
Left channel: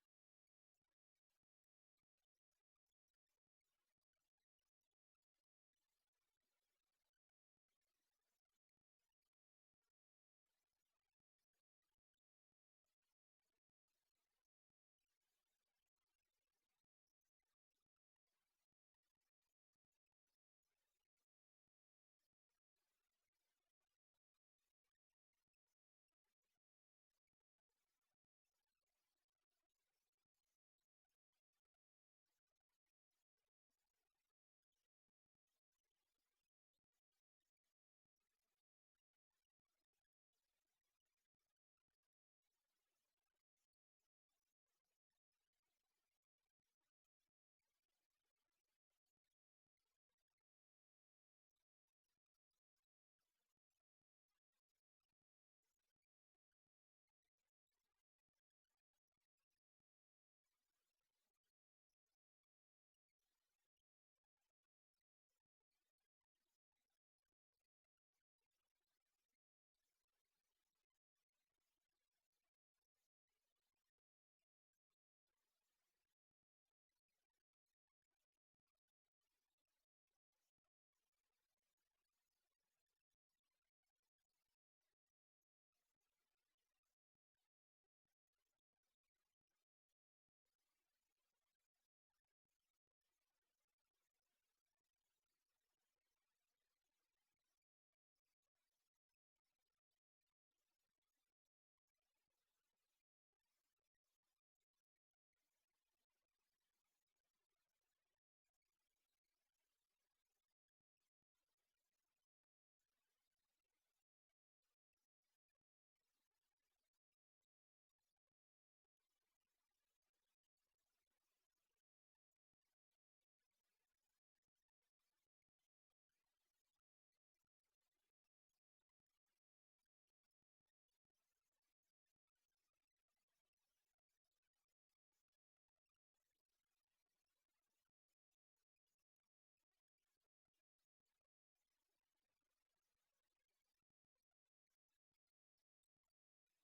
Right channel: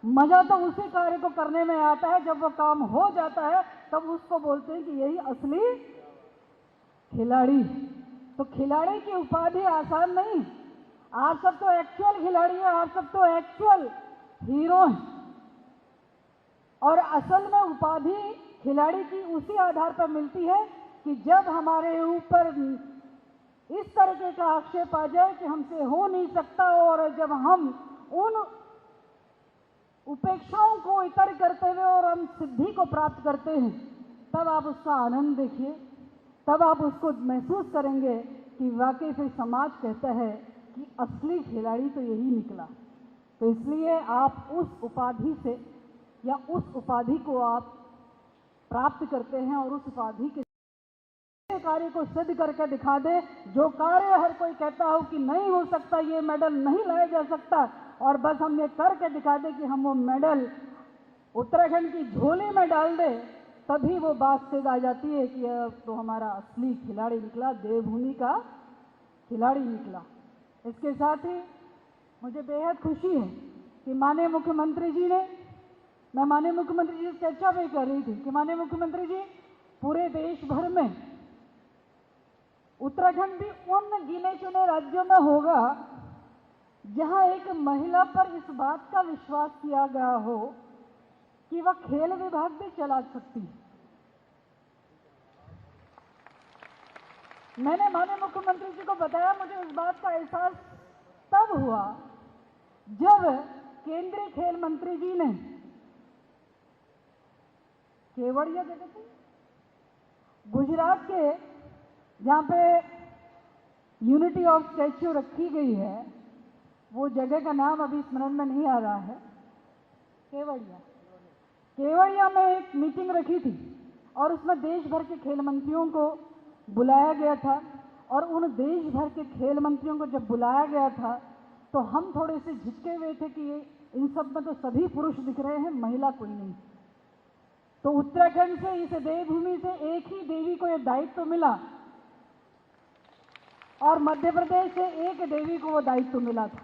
मजा तो उसी कार्य को करने में आता है, जब वो काम हो जाता है तब उसको बोलते हैं कि यही असली खिलाड़ी। तो खिलाड़ी की उपाधि आसान नहीं। आप सब तो एक्चुअल खिलाड़ी हैं, आप सब तो एक्चुअल हीरो हैं। और असल में उपाधि खिलाड़ी की उसी आधार पर मिलती है कि जब हमारे ऊपर इस तरीके का आक्षेप आ जाए कि हमसे हो नहीं सकता और जब हम उन उपेक्षाओं को इतर करते हुए और हम सिद्धि को प्राप्त करते हैं, तब आप उसका आनंद देखिए, तब आप उसको महसूस करेंगे कि वाकई फिर समाज कहता है कि असली खिलाड़ी तो यही निकला। तो इसलिए आप उस उपाधि से या उस उपाधि को आप प्राप्त करते हैं और उस उपाधि के कार्य को सिद्ध करके दिखा दे। जो कार्य हर कोई कहता हो कि नहीं हो सकता, ये मेडल नहीं लाया जा सकता, और बस हम ये करके दिखा दे कि हम वो मेडल उत्तराखंड की झोली में डाल दे, तभी वो बात सिद्ध आ जाती है कि अब तो हमारा असली खिलाड़ी निकला, देवभूमि का खिलाड़ी निकला। इसके साथ ही मुझे बेहद खुशी है कि माननीय मुख्यमंत्री जी ने, मैं माननीय मुख्यमंत्री जी से चर्चा भी कर रही थी कि माननीय मुख्यमंत्री जी पूरे देश भर में उत्तराखंड भी उन गिने चुने राज्यों में होगा जहां एक महिला पर इस बात का विश्वास किया गया हो कि वह खेल विभाग भी चला सकती है। मैंने माननीय मुख्यमंत्री जी को बताया, मुझे इस बात का एहसास तब हुआ जब केंद्रीय खेल मंत्री जी ने केवड़िया जगह से गुजरात के जहाँ पे यूनिटी ऑफ स्टैच्यू रखी गई है, वो जगह का नाम अभी स्मरण में नहीं आ रहा है, केवड़िया में एक मीटिंग रखी थी और उसमें देश भर के खेल मंत्रियों को बुलाया गया था। और उन देश भर के खेल मंत्रियों को जब बुलाया गया था तो हम थोड़े से झिझके हुए थे कि इन सब में तो सभी पुरुष दिख रहे हैं, महिला कोई नहीं। तो उत्तराखंड से, इस देवभूमि से एक ही देवी को यह दायित्व मिला और मध्य प्रदेश से एक देवी को वो दायित्व मिला था।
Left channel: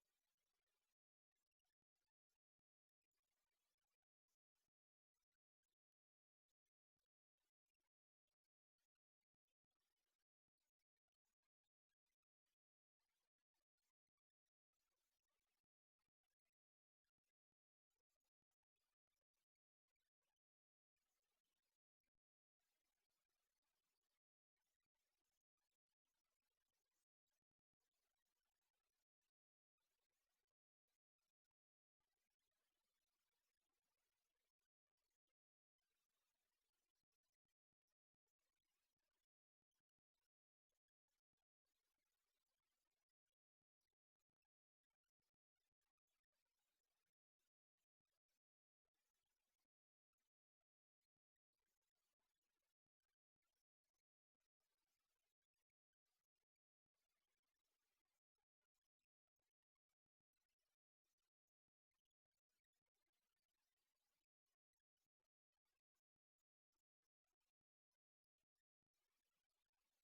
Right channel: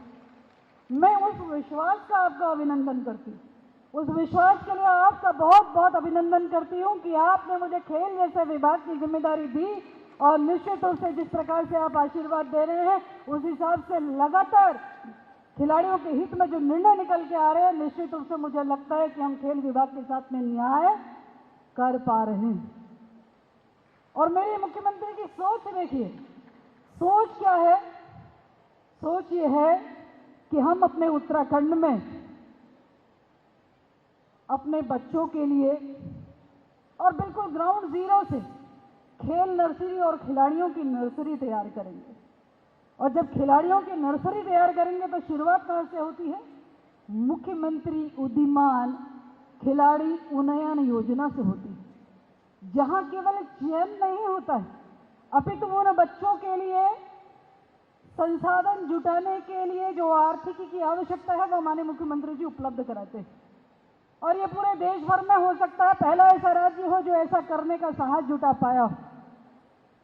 मैं उस विश्वास का आपका अभिनंदन करती हूँ, उस विश्वास के लिए आपका बहुत बहुत अभिनंदन करती हूँ कि आपने मुझे खेल जैसे विभाग की जिम्मेदारी दी और निश्चित रूप से जिस प्रकार से आप आशीर्वाद दे रहे हैं उस हिसाब से लगातार खिलाड़ियों के हित में जो निर्णय निकल के आ रहे हैं, निश्चित रूप से मुझे लगता है कि हम खेल विभाग के साथ में न्याय कर पा रहे हैं। और मेरे मुख्यमंत्री की सोच देखिए, सोच क्या है? सोच ये है कि हम अपने उत्तराखंड में अपने बच्चों के लिए और बिल्कुल ग्राउंड जीरो से खेल नर्सरी और खिलाड़ियों की नर्सरी तैयार करेंगे। और जब खिलाड़ियों की नर्सरी तैयार करेंगे तो शुरुआत कहाँ से होती है? मुख्यमंत्री उद्यमान खिलाड़ी उन्नयन योजना से होती है, जहां केवल चयन नहीं होता है अपितु उन बच्चों के लिए संसाधन जुटाने के लिए जो आर्थिकी की आवश्यकता है वो माननीय मुख्यमंत्री जी उपलब्ध कराते हैं। और ये पूरे देश भर में हो सकता है पहला ऐसा राज्य हो जो ऐसा करने का साहस जुटा पाया हो।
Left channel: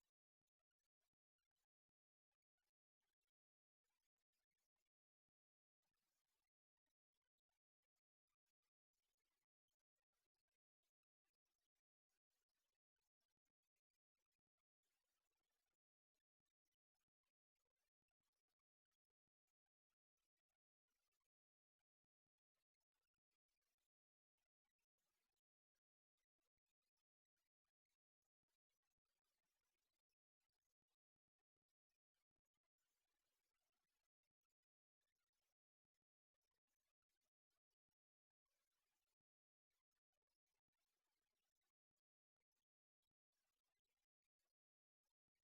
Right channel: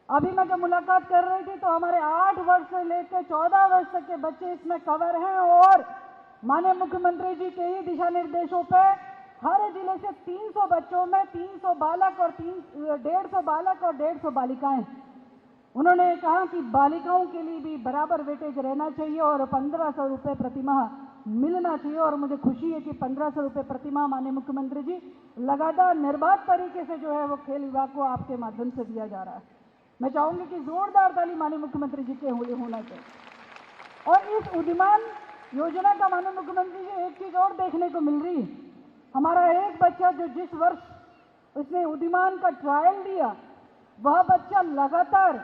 अभी मैं जब मुलाकात कर रही थी तो हमारे 8 वर्ष से लेकर 14 वर्ष तक के बच्चे इसमें कवर हैं और माननीय मुख्यमंत्री जी के ही दिशा निर्देशों पे हर जिले से 300 बच्चों में 300 बालक और 150 बालक और 150 बालिकाएं। उन्होंने कहा कि बालिकाओं के लिए भी बराबर वेटेज रहना चाहिए और 1500 रुपये प्रतिमाह मिलना चाहिए। और मुझे खुशी है कि 1500 रुपये प्रतिमाह माननीय मुख्यमंत्री जी लगातार निर्बाध तरीके से जो है वो खेल विभाग को आपके माध्यम से दिया जा रहा है। मैं चाहूंगी कि जोरदार ताली माननीय मुख्यमंत्री जी के होना चाहिए। और इस उद्यमान योजना का माननीय मुख्यमंत्री जी एक चीज और देखने को मिल रही है, हमारा एक बच्चा जो जिस वर्ष उसने उद्यमान का ट्रायल दिया वह बच्चा लगातार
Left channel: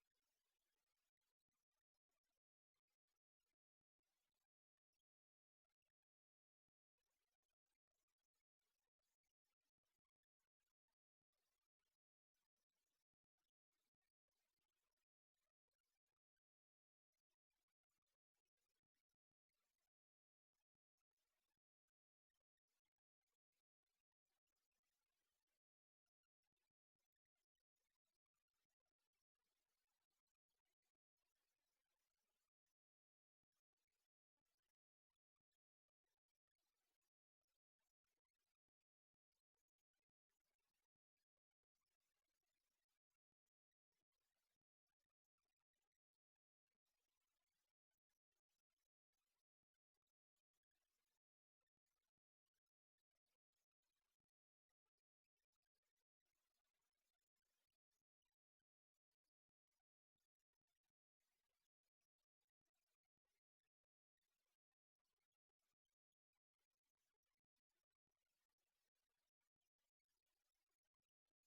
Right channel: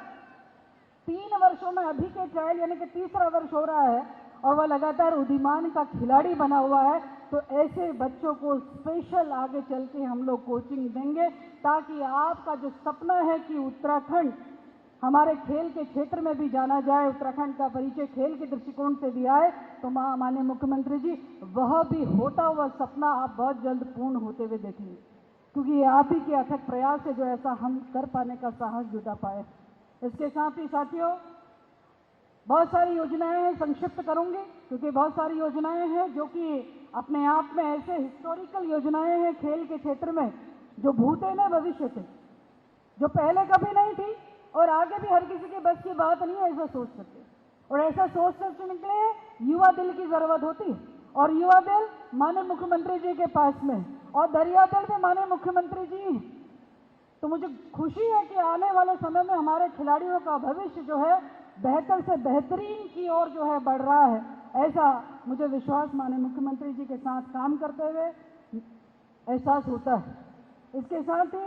3 वर्षों में अभी के ट्रायल यानी कि तीसरा वर्ष हो रहा है और वह लगातार उद्यमान का खिलाड़ी बना हुआ है। तो ऐसे बच्चों को स्पेशल आगे चल के हम लोग कोचिंग देंगे ताकि आपका जो सपना है कि उत्तराखंड हमारे खेल के क्षेत्र में भी जाना जाए, उत्तराखंड का परिचय खेल के दृष्टिकोण से भी आए, तो माननीय मुख्यमंत्री जी वह भी होता हुआ सपना आप बहुत जल्द पूर्ण होते हुए देखेंगे, क्योंकि ये आप ही के अथक प्रयास से जो ऐसा हम कर पाने का साहस जुटा पाए। इसके साथ ही साथियों बहुत सारी योजनाएं हैं, संक्षिप्त करूंगी क्योंकि बहुत सारी योजनाएं हैं जो कि अपने आप में ऐसे हिस्टोरिकल योजनाएं हैं खेल के क्षेत्र में जो भूते न भविष्य थे, जो पहले कभी नहीं थी और आगे भी हर किसी के बस की बात नहीं है ऐसा सोच सकते। और ऐसा सोच सकने के लिए युवा दिल की जरूरत होती है और युवा दिल माननीय मुख्यमंत्री जी के पास में और दरिया दिल भी माननीय मुख्यमंत्री जी हैं। तो मुझे खुशी है कि आने वाले समय में हमारे खिलाड़ियों का भविष्य जो है बेहतर से बेहतरीन की ओर जो है बढ़ रहा है, ऐसा मुझे विश्वास माननीय मुख्यमंत्री जी के साथ काम करते हुए एहसास होता है। इसके साथ ही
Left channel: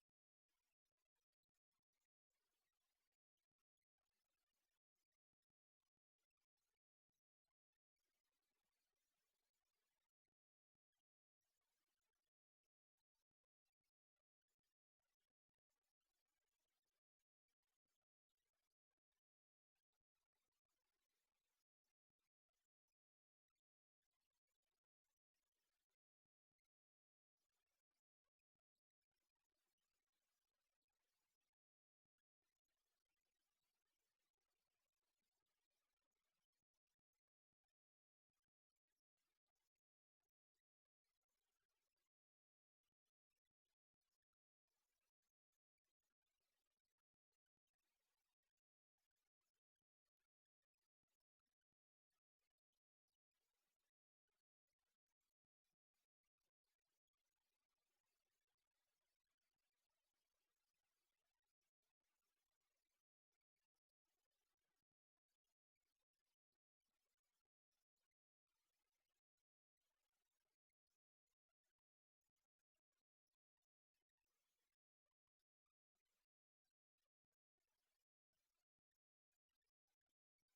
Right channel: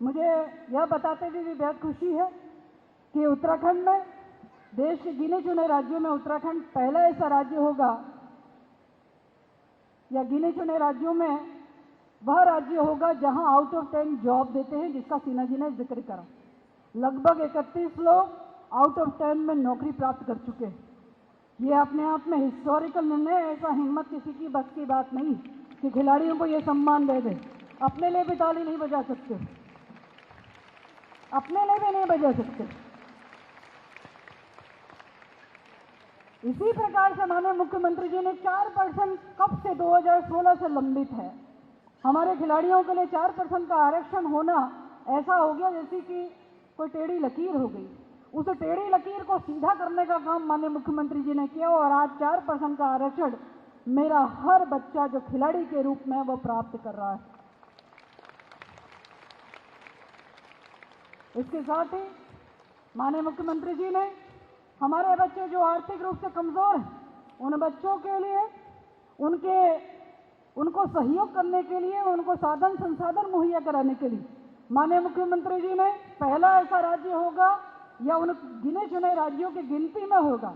मुझे यह बताते हुए भी बेहद खुशी है कि उत्तराखंड में देश के गिने चुने राज्यों में उत्तराखंड पहला ऐसा राज्य होगा या गिने चुने राज्यों में वह राज्य होगा जहां आउट ऑफ 10 जॉब देते हैं, जिसका सिन्हा जी ने जिक्र करा। लगभग 31 लोग आउट ऑफ 10 में नौकरी प्राप्त कर चुके हैं। ये अपने आप में हिस्टोरिकल निर्णय, ऐसा हिम्मत किसी की बस की बात नहीं कि खिलाड़ियों को ये सम्मान दे दे। अपने लिए भी ताली नहीं बजा सकते, अपने लिए भी नहीं बजा सकते। इसी प्रकार से माननीय मुख्यमंत्री जी ने 4% कब से 2016 से लंबित है। हमारे खिलाड़ियों के लिए 4% का आरक्षण होना ऐसा हो गया जैसे कि कोई टेढ़ी लकीर हो गई। उस टेढ़ी लकीर को सीधा करने का काम माननीय मुख्यमंत्री जी ने किया और आज 4% का आरक्षण मेरा हर बच्चा जो खिलाड़ी के रूप में वो प्राप्त कर रहा है। इसके साथ ही माननीय मुख्यमंत्री जी ने हमारे बच्चे जो आर्थिक रूप से कमजोर हैं, उन बच्चों के लिए उनको सहयोग करने के लिए, उनको साधन संसाधन मुहैया कराने के लिए माननीय मुख्यमंत्री जी ने पहला ऐसा राज्य होगा या उन गिने चुने राज्यों की गिनती में होगा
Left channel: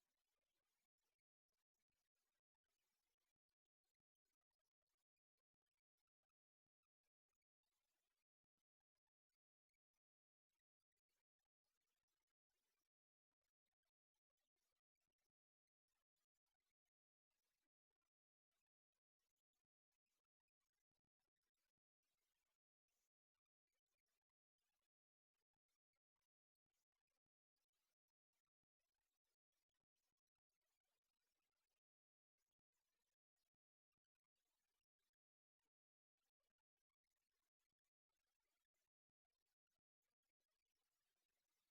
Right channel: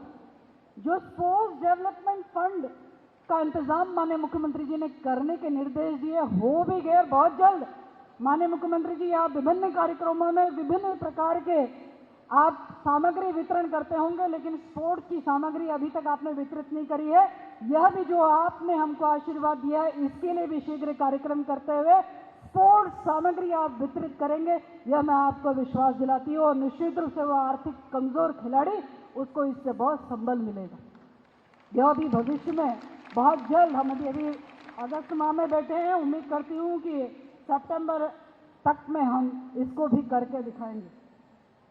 जो स्पोर्ट्स डेवलपमेंट फंड का इंतजाम माननीय मुख्यमंत्री जी ने करने के निर्देश दिए। हो भी गए बहुत जल्द। माननीय मुख्यमंत्री जी आप विभिन्न कार्यक्रमों में विभिन्न प्रकार के आप सामग्री वितरण करते होंगे, लेकिन स्पोर्ट्स की सामग्री अभी तक आपने वितरित नहीं करी है। यह भी जो आपने हमको आशीर्वाद दिया है इसके लिए भी शीघ्र कार्यक्रम करते हुए स्पोर्ट्स सामग्री आप वितरित करेंगे, यह मैं आपको विश्वास दिलाती हूँ। और निश्चित रूप से वो आर्थिक कमजोर खिलाड़ी, उसको इससे बहुत संबल मिलेगा। यह भी भविष्य में बहुत जल्द, हम अभी अगस्त माह में बैठे हैं, उम्मीद करती हूँ कि सितंबर तक में हम इसको भी करके दिखाएंगे।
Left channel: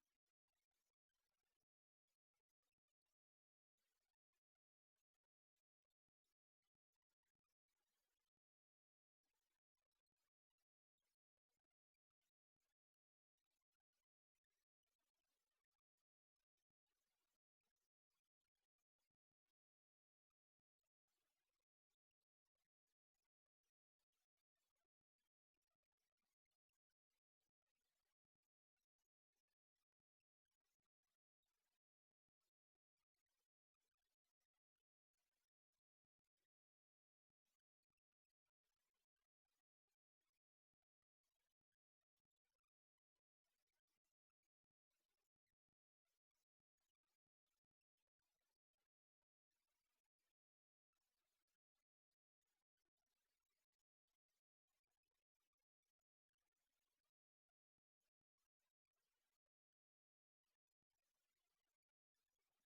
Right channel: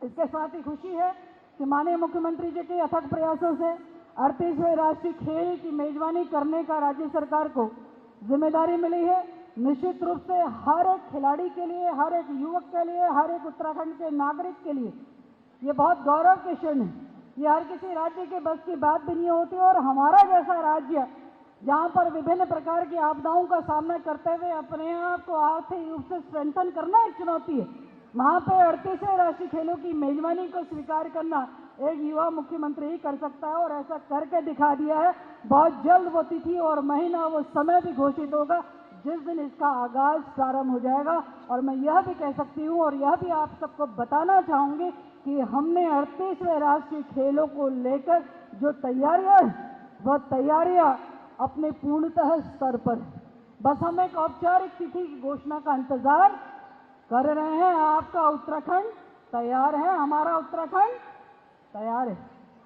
इसके साथ ही खुशी है कि माननीय मुख्यमंत्री जी के अथक प्रयासों से 38वें राष्ट्रीय खेल की मेजबानी करने का राज्य सरकार को जिम्मेदारी मिली है। निश्चित रूप से हर एक खिलाड़ी के लिए, हर एक युवक के लिए, हर एक उत्तराखंड के नागरिक के लिए ये बहुत गौरव के क्षण है। ये हर किसी राज्य के बस की बात भी नहीं होती। और हमारा जैसा राज्य जहाँ पर विभिन्न प्रकार की आपदाओं का सामना करते हुए अपने आप को आर्थिक रूप से स्ट्रेंथन करना एक चुनौती है, वहाँ पे 38वें राष्ट्रीय खेलों की मेजबानी को स्वीकार करना एक युवा मुख्यमंत्री ही कर सकता है, और ऐसा करके दिखा दिया है। बहुत जल्द वो तिथि और महीना, वो समय भी घोषित होगा जिस दिन इसका आगाज प्रारंभ हो जाएगा। और मैं यह भी कह सकती हूँ और यह भी आप सबको बताना चाहूँगी कि हमने 38वें राष्ट्रीय खेलों को लेकर जो तैयारियाँ हैं, वह तैयारियाँ अपने पूर्णतः स्तर पर है। बस हम एक औपचारिक तिथि की घोषणा का इंतजार कर रहे हैं। आपका उत्तराखंड तैयार है, हमारा उत्तराखंड तैयार है।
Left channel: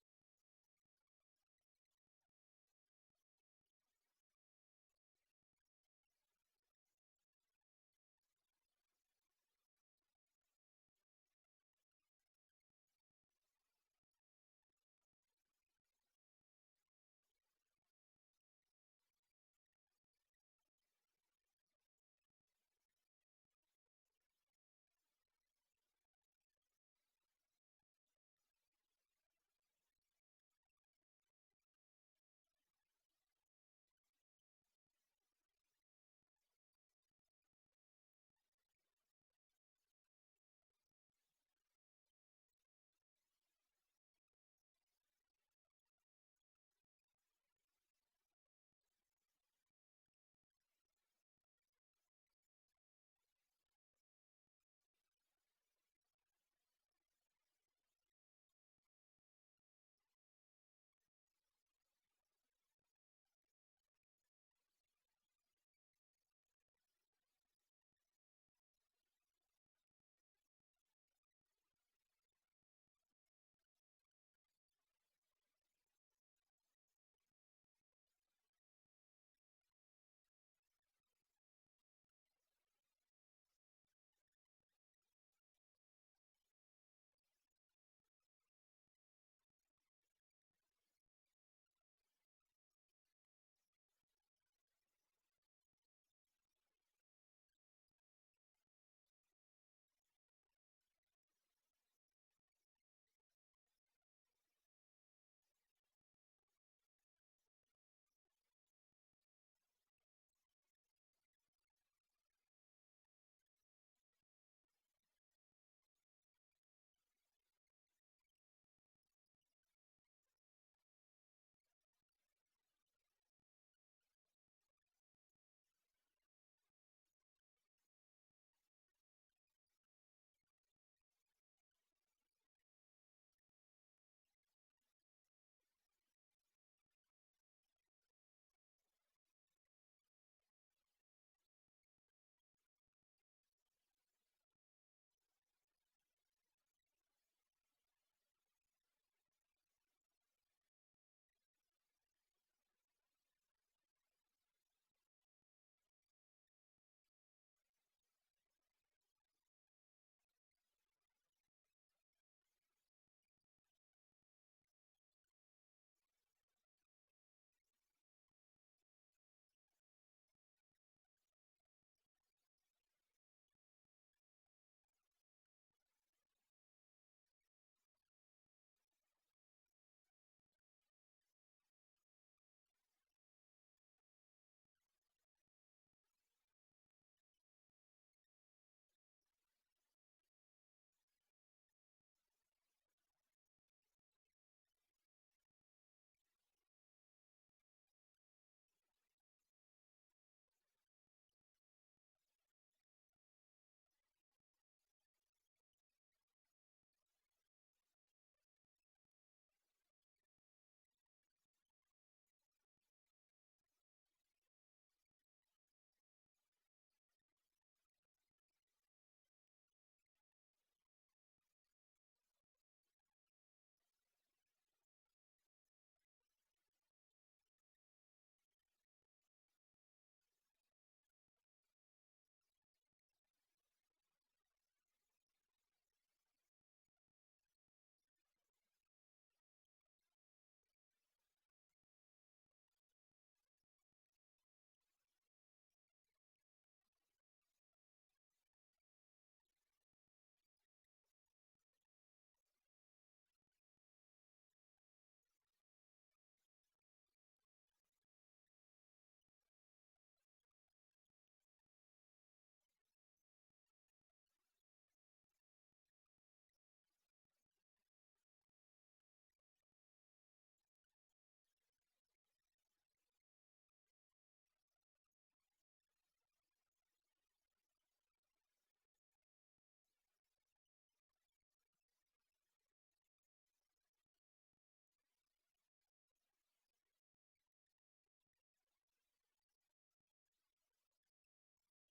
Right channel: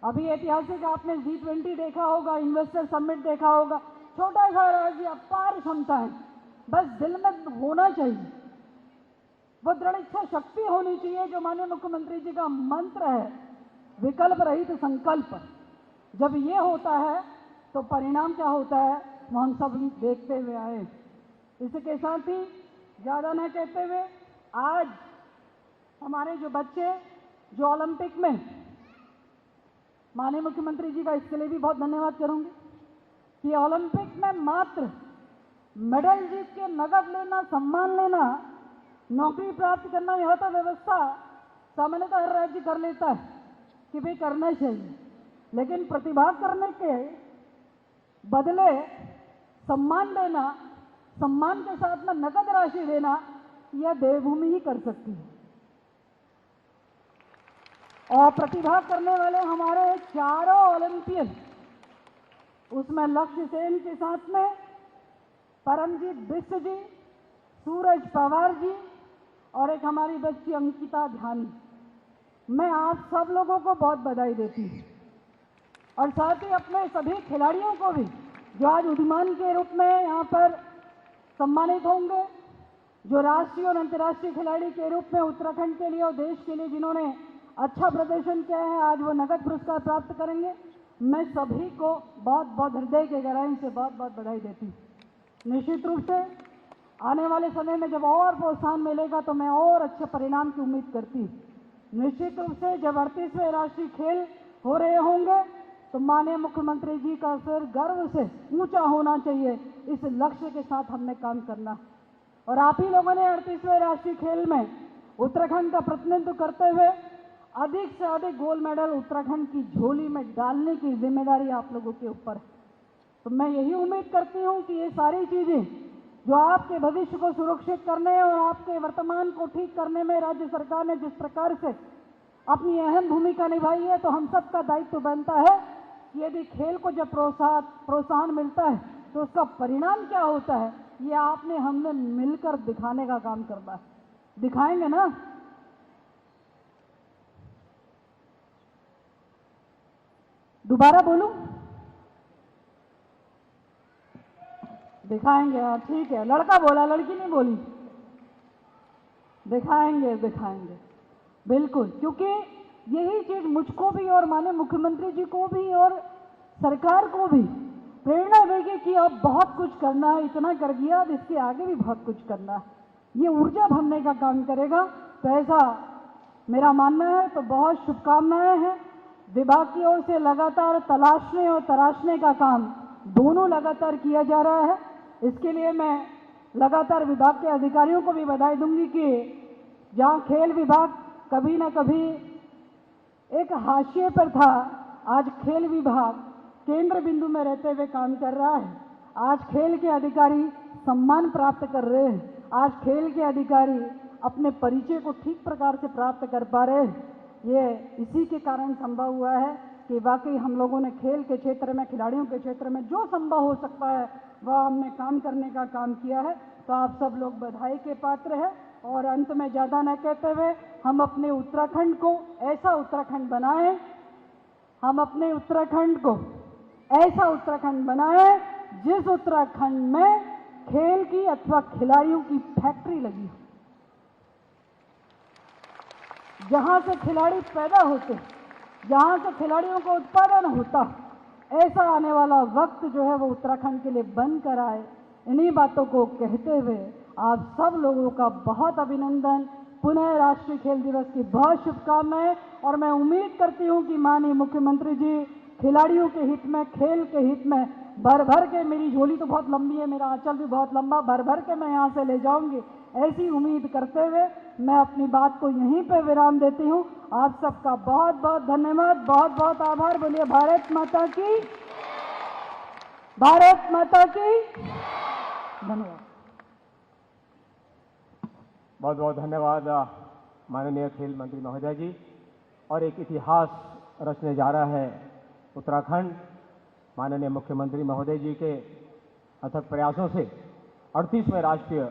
अभी ऐतिहासिक आपने G20 देखा होगा, इन्वेस्टर समिट देखा होगा। छोटा सा राज्य, अपार क्षमता है, बस दिल में होना चाहिए, वो दृढ़ इच्छा शक्ति होनी चाहिए जो माननीय मुख्यमंत्री जी का मंत्र है, विकल्प रहित संकल्प। जब ये होता है तो परिणाम क्या होता है वो हम सब देखते हुए आए। इसके साथ ही ज़्यादा न कहते हुए, आज हमारे जो बच्चे जो ओलंपिक में, माननीय मुख्यमंत्री जी का इसके लिए भी बहुत धन्यवाद करूंगी कि ओलंपिक में मात्र मेडल जीत के नगद लेना, सम्मान लेना, नौकरी प्राप्त करना, यह तो व्यवस्था सामान्यतः हर राज्य कर लेता है कि भाई करना चाहिए, लेकिन प्रतिभा करने के बदले सम्मान देना, सम्मान के साथ में नकद राशि देना, यह देवभूमि ही कर सकती है। और प्रतिभा करने वाले हमारे चारों ओलंपियन, उसमें लक्ष्य सेन के साथ में परमजीत बिष्ट जी, सूरज पवार जी और एक हमारी बच्ची अंकिता ध्यानी, मैं आप सब लोगों को बहुत बधाई देती हूँ। और साथ ही अपने सभी खिलाड़ियों को भी जो आज उद्यमान के रूप में यहाँ पर सम्मानित होंगे, जो राष्ट्रीय और अंतर्राष्ट्रीय खिलाड़ी के रूप में उत्तराखंड के लिए और देश के लिए जिन्होंने अच्छा प्रदर्शन किया है, आज वो नगद पुरस्कार प्राप्त करेंगे। मैं सभी को बहुत बहुत हृदय के गहराई से बहुत बहुत बधाई देती हूँ। निश्चित रूप से आने वाले समय में जब और प्रोत्साहन मिलेगा तो मैं और अच्छे परिणाम की उम्मीद करती हूँ। निश्चित रूप से जब 38वें राष्ट्रीय खेल हो रहे होंगे तो माननीय मुख्यमंत्री जी का सिर गर्व से ऊंचा होना चाहिए। इस लक्ष्य के साथ हमने काम करना, और आप ही लोगों ने 38वें राष्ट्रीय खेल में उत्तराखंड का प्रतिनिधित्व करते हुए अधिक से अधिक गोल्ड मेडल उत्तराखंड की झोली में डालने की जिम्मेदारी आप लोगों के ऊपर है। तो मैं यही उम्मीद करती हूँ कि ये सारी चीज़ें जो आपके भविष्य को सुरक्षित करने और आपके वर्तमान को ठीक करने में राज्य सरकार ने जिस प्रकार से अपनी अहम भूमिका निभाई है, तो हम सबका दायित्व बनता है कि यदि खेल को जब प्रोत्साहन मिलता है तो उसका परिणाम क्या होता है, ये आपने हमने मिलकर दिखाने का काम करना है। दिखाएंगे ना? दोबारा बोलूं? दिखाएंगे। हाँ ठीक है, लड़का बोला, लड़की नहीं बोली। दिखाएंगे, दिखाएंगे बिल्कुल, क्योंकि यही चीज मुझको भी और माननीय मुख्यमंत्री जी को भी और सरकार को भी प्रेरणा देगी कि अब बहुत कुछ करना है, इतना कर दिया, अब इसके आगे भी बहुत कुछ करना है। ये ऊर्जा भरने का काम करेगा। तो ऐसा मेरा मानना है। तो बहुत शुभकामनाएं हैं। विभाग की ओर से लगातार तलाशने और तराशने का काम दोनों लगातार किया जा रहा है। इसके लिए मैं लगातार विभाग के अधिकारियों को भी बधाई दूंगी कि जहाँ खेल विभाग कभी ना कभी एक हाशिए पर था, आज खेल विभाग केंद्र बिंदु में रहते हुए काम कर रहा है। आज खेल के अधिकारी सम्मान प्राप्त कर रहे हैं। आज खेल के अधिकारी अपने परिचय को ठीक प्रकार से प्राप्त कर पा रहे हैं। ये इसी के कारण संभव हुआ है कि वाकई हम लोगों ने खेल के क्षेत्र में, खिलाड़ियों के क्षेत्र में जो संभव हो सकता है वह हमने काम करने का काम किया है। तो आप सब लोग बधाई के पात्र हैं। और अंत में ज़्यादा न कहते हुए हम अपने उत्तराखंड को ऐसा उत्तराखंड बनाएं, हम अपने उत्तराखंड को ऐसा उत्तराखंड बनाएं जिस उत्तराखंड में खेल की अथवा खिलाड़ियों की फैक्ट्री लगी हो, जहां से खिलाड़ी पैदा होते, जहां से खिलाड़ियों का उत्पादन होता, ऐसा आने वाला वक्त जो है वो उत्तराखंड के लिए बनकर आए। इन्हीं बातों को कहते हुए आप सब लोगों का बहुत अभिनंदन, पुनः राष्ट्रीय खेल दिवस की बहुत शुभकामनाएं। और मैं उम्मीद करती हूं कि माननीय मुख्यमंत्री जी खिलाड़ियों के हित में, खेल के हित में भर भर के, मेरी झोली तो बहुत लंबी है, मेरा आंचल भी बहुत लंबा, भर भर के मैं यहाँ से ले जाऊंगी, ऐसी उम्मीद करते हुए मैं अपनी बात को यहीं पे विराम देती हूँ। आप सबका बहुत बहुत धन्यवाद, बहुत बहुत आभार। बोलिए भारत माता की, भारत माता की धन्यवाद। बहुत बहुत धन्यवाद माननीय खेल मंत्री महोदय जी। और एक इतिहास रचने जा रहा है उत्तराखंड माननीय मुख्यमंत्री महोदय जी के अथक प्रयासों से 38वें राष्ट्रीय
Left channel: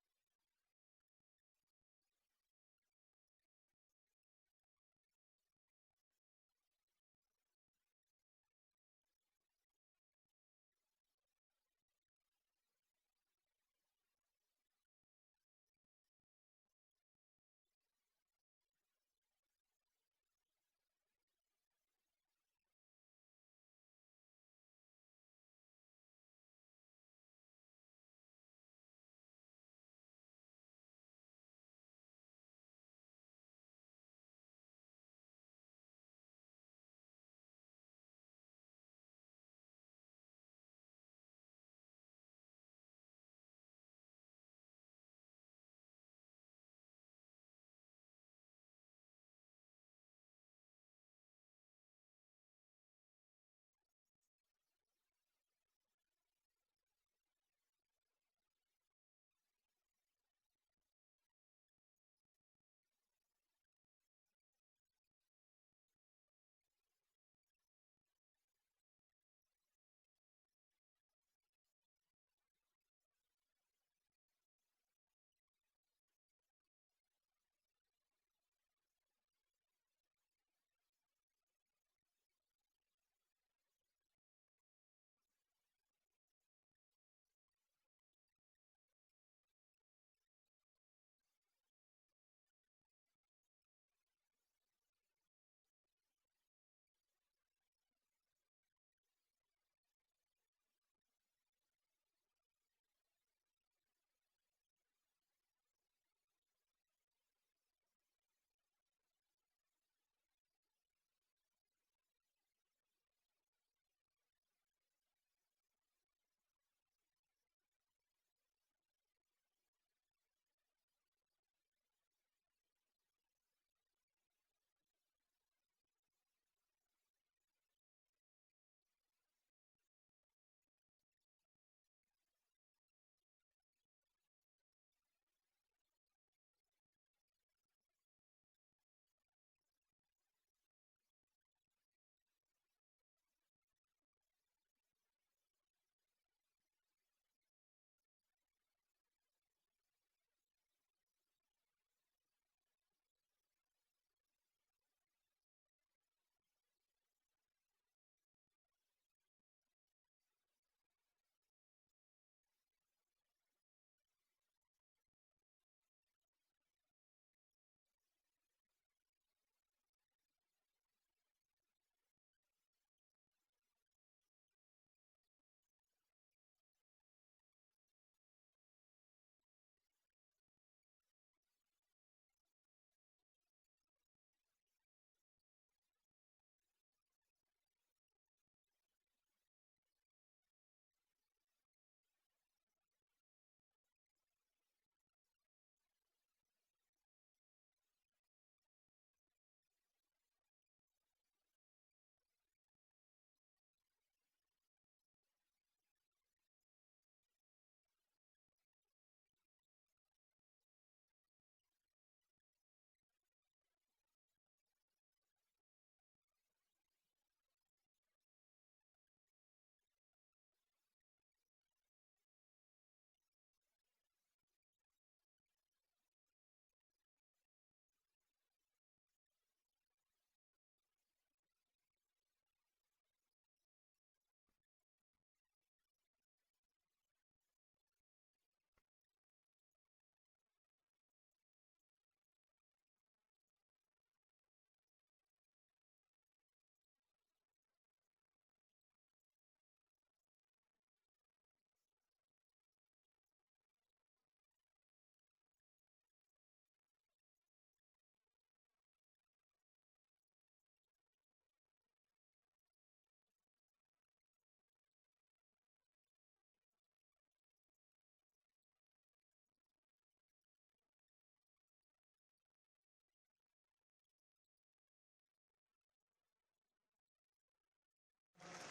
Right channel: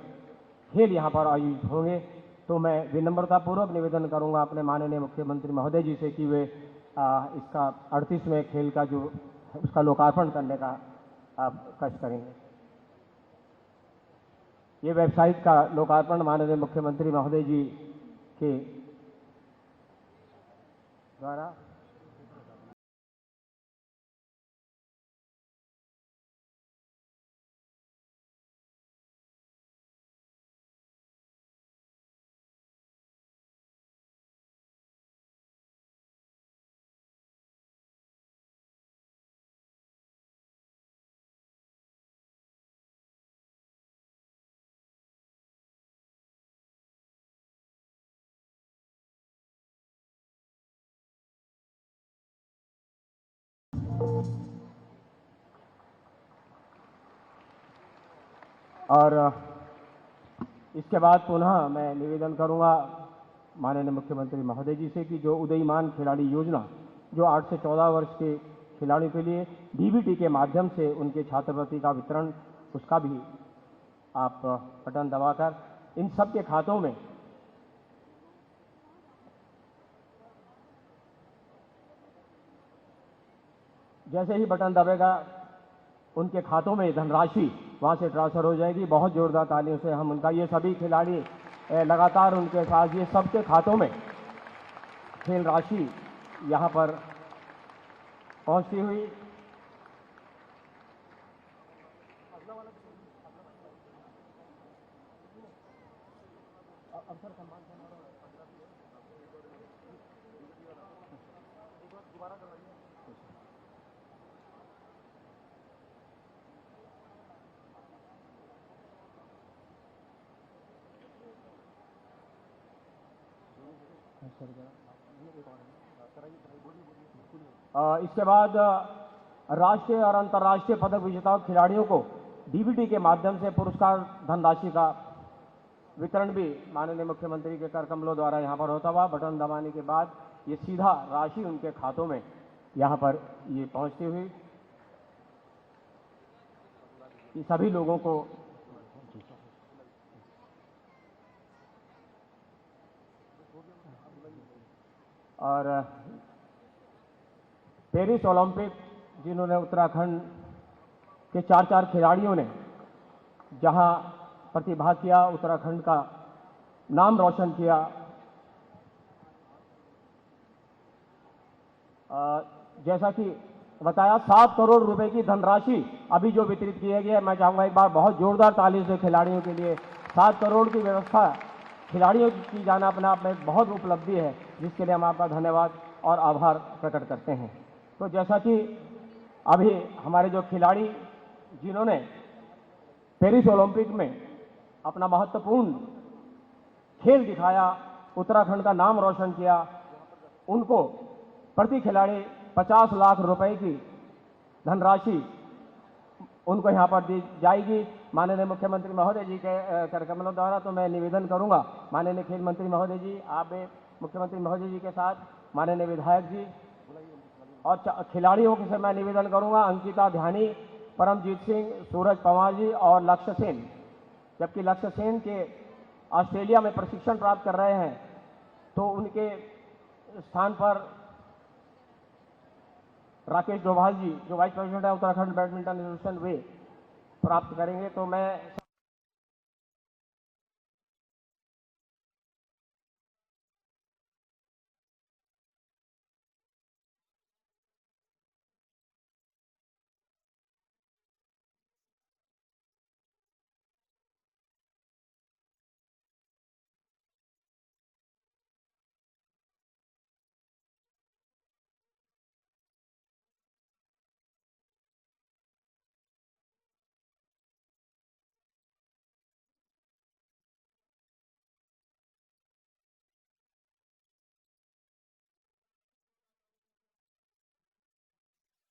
खेल यहाँ पर आयोजित होंगे। तो मैं विनम्रतापूर्वक निवेदन करूँगा अपने माननीय मुख्यमंत्री महोदय जी से कि वे इसका 38वें खेल का जो उसका लोकार्पण करने का कष्ट करेंगे। ये वेबसाइट का लोकार्पण माननीय मुख्यमंत्री महोदय जी के द्वारा और इसके बाद पुनः मैं निवेदन करूंगा माननीय मुख्यमंत्री महोदय जी से कि जो उदयमान खिलाड़ी योजना जो 8 से 14 वर्ष के खिलाड़ियों के लिए डीबीटी के माध्यम से उनके छात्रवृत्ति का वितरण, उसका भी आप बटन दबाकर इन सब के खातों में जैसे ही बटन दबेगा उनके खातों में धनराशि वहां से ट्रांसफर हो जाएगी। बहुत जोरदार तालियों से हम उनका, ये सभी खिलाड़ी लगातार उनके साथ, ये सबके खातों में खेल राशि यहां पर पहुंचती हुई इसके बाद राष्ट्रीय और अंतर्राष्ट्रीय पदक विजेता खिलाड़ियों को डीबीटी के माध्यम से पुरस्कार धनराशि का वितरण भी माननीय मुख्यमंत्री के कर कमलों द्वारा यहाँ पर होता हुआ बटन दबाने के बाद ये सीधा राशि उनके खातों में यहाँ पर ये पहुँचती हुई ये सभी लोगों को और पेरिस ओलंपिक जिन्होंने उत्तराखंड के 4 खिलाड़ियों ने जहां प्रतिभाग किया, उत्तराखंड का नाम रोशन किया। जैसा कि बताया 7 करोड़ रुपए की धनराशि अभी जो वितरित किया गया है, मैं चाहूंगा एक बार बहुत जोरदार ताली से खिलाड़ियों के लिए। 7 करोड़ की व्यवस्था खिलाड़ियों की जाना अपने आप में एक बहुत उपलब्धि है, जिसके लिए हम आपका धन्यवाद और आभार प्रकट करते हैं। तो जैसा कि अभी हमारे जो खिलाड़ी जिन्होंने पेरिस ओलंपिक में अपना महत्वपूर्ण खेल दिखाया, उत्तराखंड का नाम रोशन किया, उनको प्रति खिलाड़ी 50 लाख रुपए की धनराशि उनको यहाँ पर दी जाएगी माननीय मुख्यमंत्री महोदय जी के कर कमलों द्वारा। तो मैं निवेदन करूंगा माननीय खेल मंत्री महोदय जी, आप मुख्यमंत्री महोदय जी के साथ माननीय विधायक जी और खिलाड़ियों से मैं निवेदन करूंगा, अंकिता ध्यानी, परमजीत सिंह, सूरज पवार जी और लक्ष्य सेन, जबकि लक्ष्य सेन के ऑस्ट्रेलिया में प्रशिक्षण प्राप्त कर रहे हैं, तो उनके स्थान पर राकेश डोभाल जी, जो वाइस प्रेसिडेंट है उत्तराखंड बैडमिंटन एसोसिएशन, वे प्राप्त करेंगे। तो मैं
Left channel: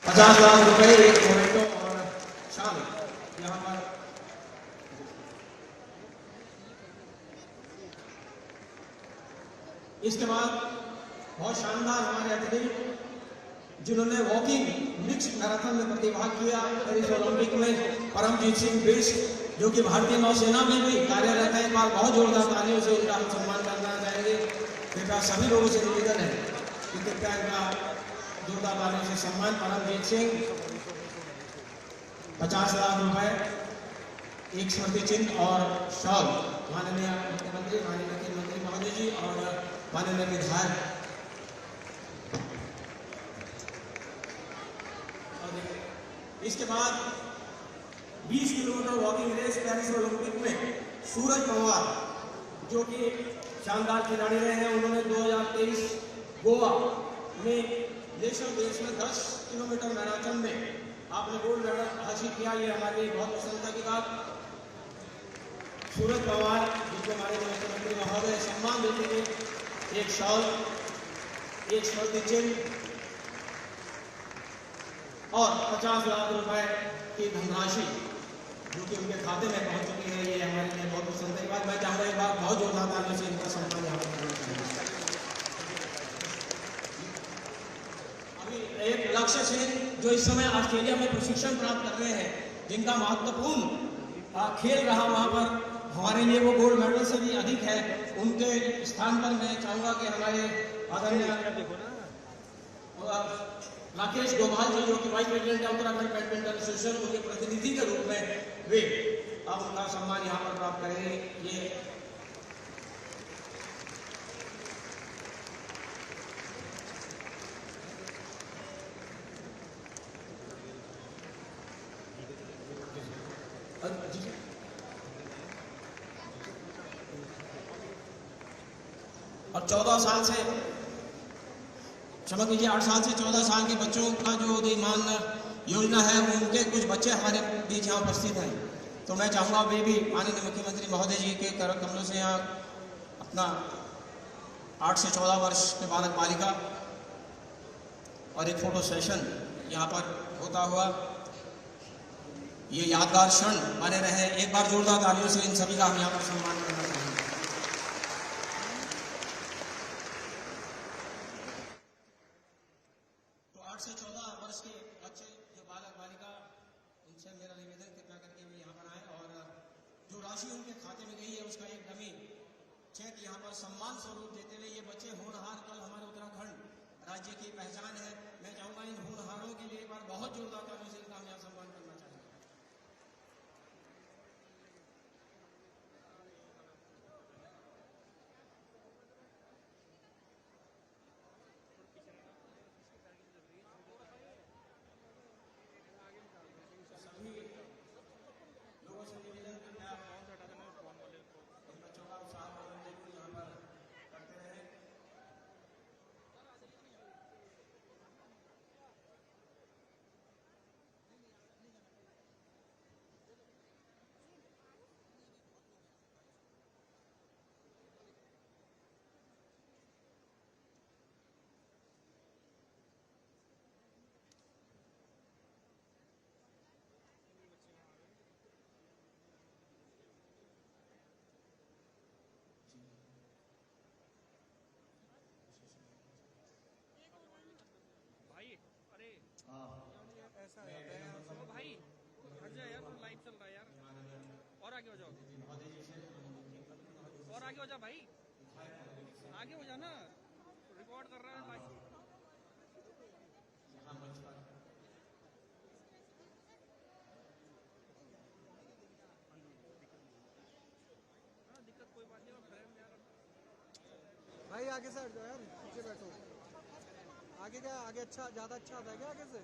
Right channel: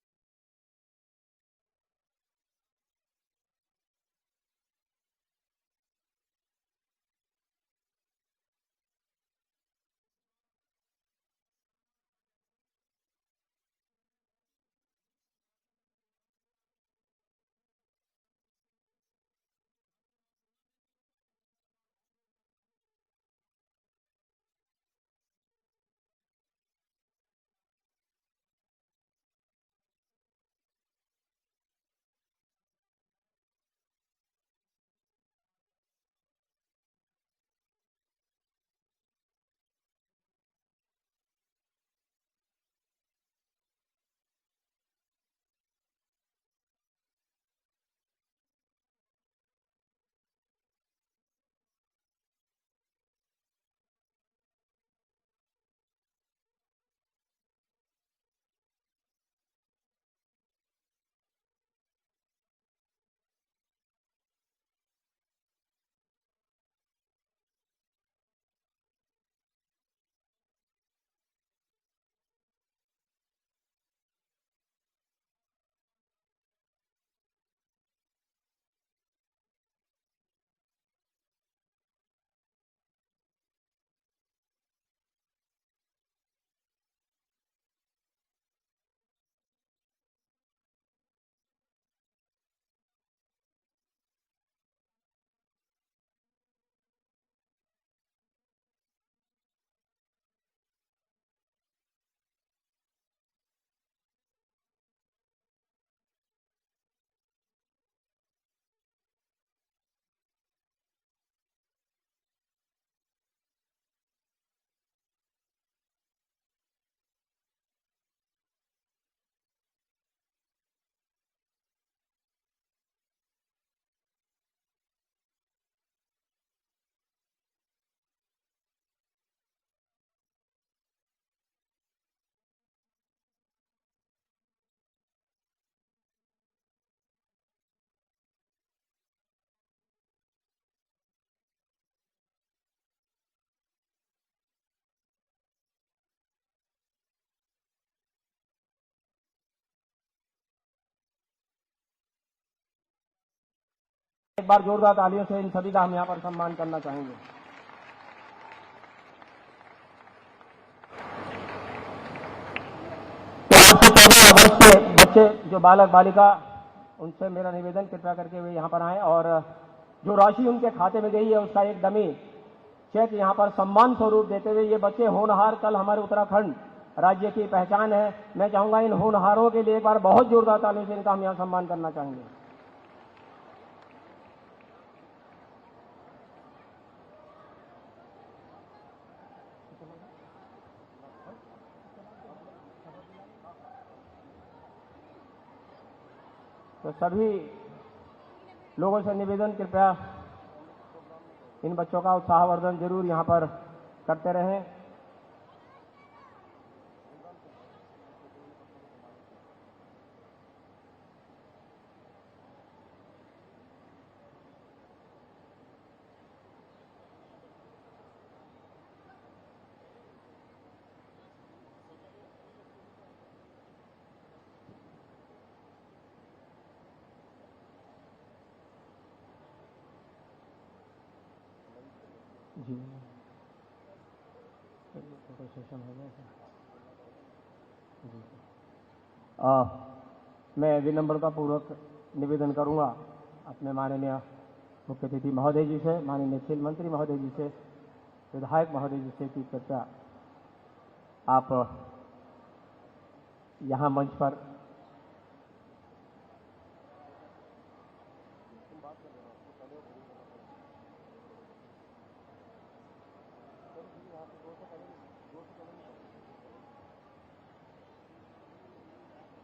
₹50,00,000 एक मोमेंटो और शामिल यहाँ पर। इसके बाद बहुत शानदार हमारे एथलीट जिन्होंने वॉकिंग मिक्स मैराथन में प्रतिभाग किया पेरिस ओलंपिक में, परमजीत सिंह बिष्ट, जो कि भारतीय नौसेना में भी कार्यरत है। एक बार बहुत जोरदार तालियों से उनका हम सम्मान करना चाहेंगे। कृपया सभी लोगों से निवेदन है कि कृपया इनका जोरदार तालियों से सम्मान। परमजीत सिंह ₹50,00,000, एक स्मृति चिन्ह और शॉल माननीय मुख्यमंत्री, माननीय खेल मंत्री महोदय जी और माननीय विधायक। इसके बाद 20 kilometre walking race Paris Olympic में सूरज पवार, जो कि शानदार खिलाड़ी रहे हैं, उन्होंने 2023 गोवा में नेशनल बेस में 10 किलोमीटर मैराथन में आपने गोल्ड मेडल हासिल किया। ये हमारे लिए बहुत प्रसन्नता की बात। सूरज पवार, जिनको हमारे मुख्यमंत्री महोदय सम्मान देते हुए एक शॉल, एक स्मृति चिन्ह और ₹50,00,000 की धनराशि जो कि उनके खाते में पहुंच चुकी है, ये हमारे लिए बहुत प्रसन्नता की बात। मैं चाहूँगा एक बार बहुत जोरदार तालियों से इनका सम्मान यहाँ पर करना चाहूँगा। अभी एक लक्ष्य सेन जो इस समय ऑस्ट्रेलिया में प्रशिक्षण प्राप्त कर रहे हैं, जिनका महत्वपूर्ण खेल रहा वहाँ पर हमारे लिए वो गोल्ड मेडल से भी अधिक है, उनके स्थान पर मैं चाहूँगा कि हमारे आदरणीय राकेश डोभाल जी, जो कि वाइस प्रेसिडेंट है उत्तराखंड बैडमिंटन एसोसिएशन, उनके प्रतिनिधि के रूप में वे अब उनका सम्मान यहाँ पर प्राप्त करेंगे। ये और 14 साल से, क्षमा कीजिए, 8 साल से 14 साल के बच्चों का जो उदीयमान योजना है, उनके कुछ बच्चे हमारे बीच यहाँ उपस्थित हैं। तो मैं चाहूँगा वे भी माननीय मुख्यमंत्री महोदय जी के कर कमलों से यहाँ अपना 8 से 14 वर्ष के बालक बालिका और एक फोटो सेशन यहाँ पर होता हुआ ये यादगार क्षण बने रहे। एक बार जोरदार तालियों से इन सभी का हम यहाँ पर सम्मान करना चाहेंगे। बच्चे जो बालक बालिका, उनसे मेरा निवेदन कृपया करके वे यहाँ पर आएँ और जो राशि उनके खाते में गई है उसका एक डमी चेक यहाँ पर सम्मान स्वरूप देते हुए, ये बच्चे होनहार कल हमारे उत्तराखंड राज्य की पहचान है। मैं चाहूँगा इन होनहारों के लिए एक बार बहुत जोरदार तालियों से इनका हम यहाँ सम्मान करना चाहेंगे। तो सभी लोगों से निवेदन, कृपया इन बच्चों का उत्साहवर्धन जरूर यहाँ पर करते रहें। जी फोटो सेशन हो गया जी। मैं विनम्रता पूर्वक निवेदन करूंगा अपने माननीय मुख्य अतिथि महोदय जी से, माननीय खेल मंत्री महोदय जी से, विधायक महोदय जी से कि कृपया आप यहाँ मंच पर भाई आगे से हट जाओ यार, पीछे बैठो। आगे क्या, आगे अच्छा, ज़्यादा अच्छा आता है क्या आगे से?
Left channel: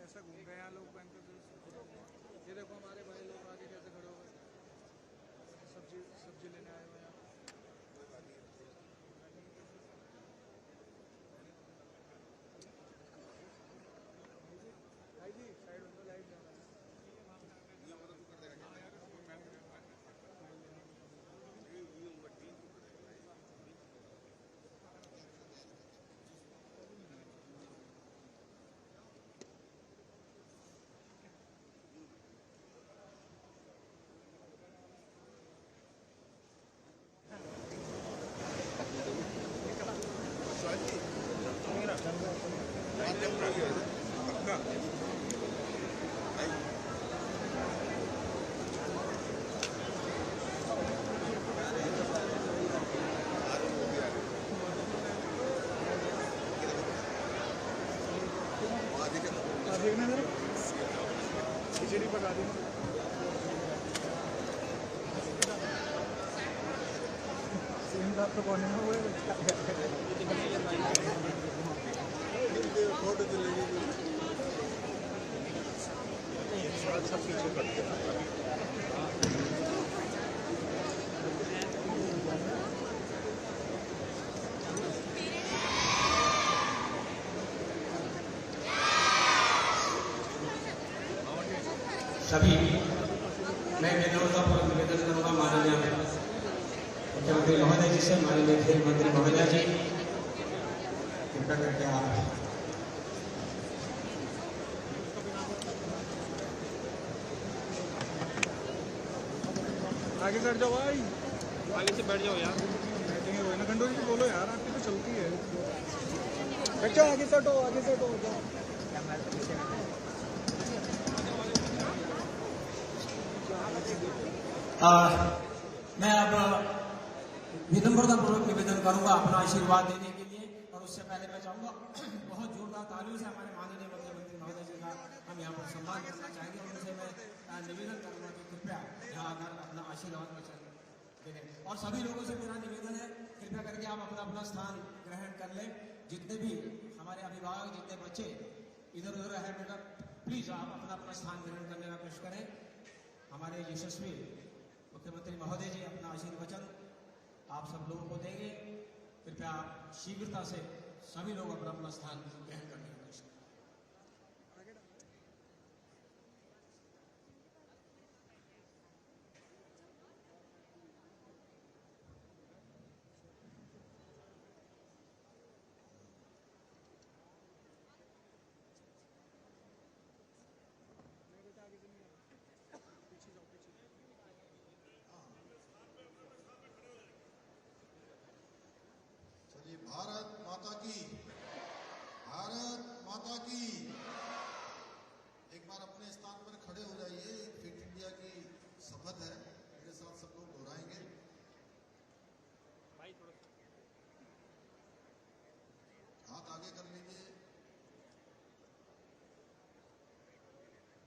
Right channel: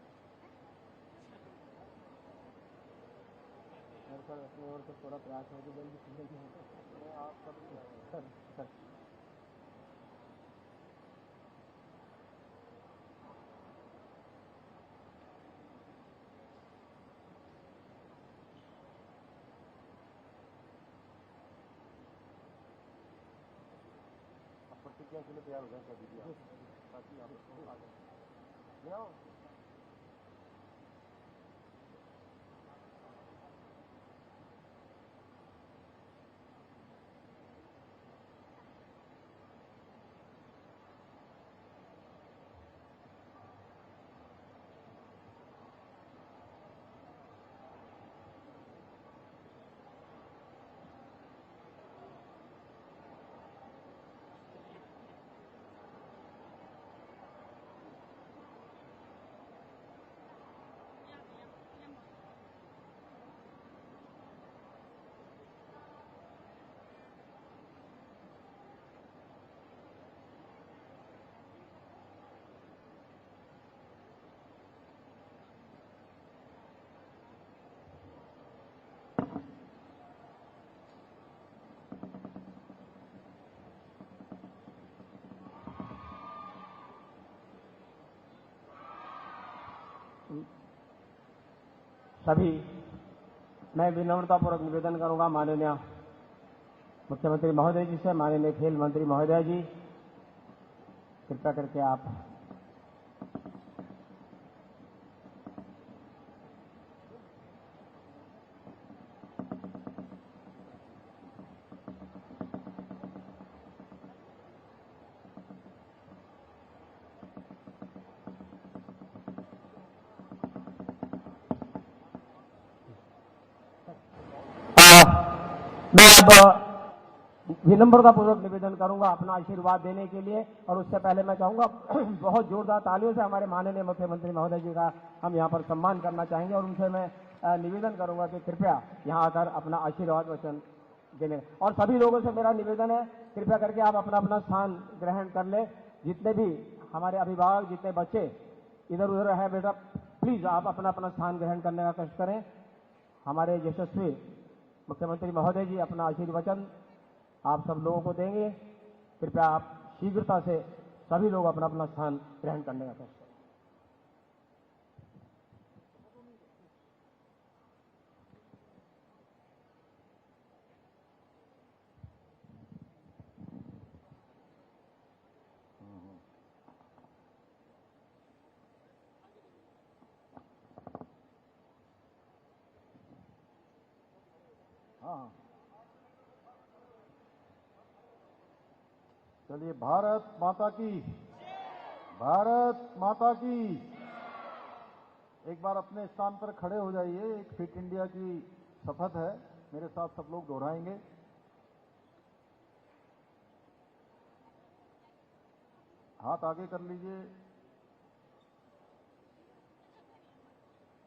ऐसा घूम रहे हैं लोग बैंक के बीच। ये देखो हमारे भाई लोग आगे कैसे खड़े हो। अपनी ओर से थोड़ा प्रयास है कि सब्जी लेने आए थे। भाई जी साइड में लाइट है। देखना जरा खिचड़ी पका देना। सेम साथ तो कोने में हुए फोटो तो लेगी सब पीछे करते सभी मैं विनम्रतापूर्वक निवेदन करूँगा माननीय मुख्यमंत्री महोदय जी से, माननीय खेल मंत्री महोदय जी, कृपया करके आप आगे बैठ जाओ भाई, आगे से बैठ जाओ यार। बैठेंगे वही ना, खंडोरी जी बोलो यार, आपकी तो चलती है। बैठ जाओ, आगे से हटो, आगे से हटो जाओ। मैं अब विनम्रतापूर्वक निवेदन करूंगा अपना आशीर्वाद देने के लिए, और उससे पहले मैं चाहूंगा बहुत जोरदार तालियों से हमारे माननीय मुख्यमंत्री महोदय जी का हम यहाँ पर सम्मान करना चाहेंगे, और उनसे मैं निवेदन करूंगा कि कृपया यहाँ आकर अपना आशीर्वाद वचन देने। और सभी लोगों से मेरा निवेदन है, कृपया करके आप अपना अपना स्थान ग्रहण कर लें। जितने भी हमारे अभिभावक, जितने बच्चे इधर उधर है बेटा, प्लीज़ आप अपना अपना स्थान ग्रहण करने का कष्ट करें। हमारे यशस्वी मुख्यमंत्री महोदय जी अपना आशीर्वचन आप सब लोगों को देंगे। कृपया आप शीघ्रता से सभी लोग अपना अपना स्थान ग्रहण करने का करें। चलिए, भारत माता की, भारत माता की। एक बार अपने स्थान पर खड़े हो जाइए। एक फिट इंडिया की शपथ है, मेरे साथ सब लोग दोहराएंगे। हाथ आगे कर लीजिए।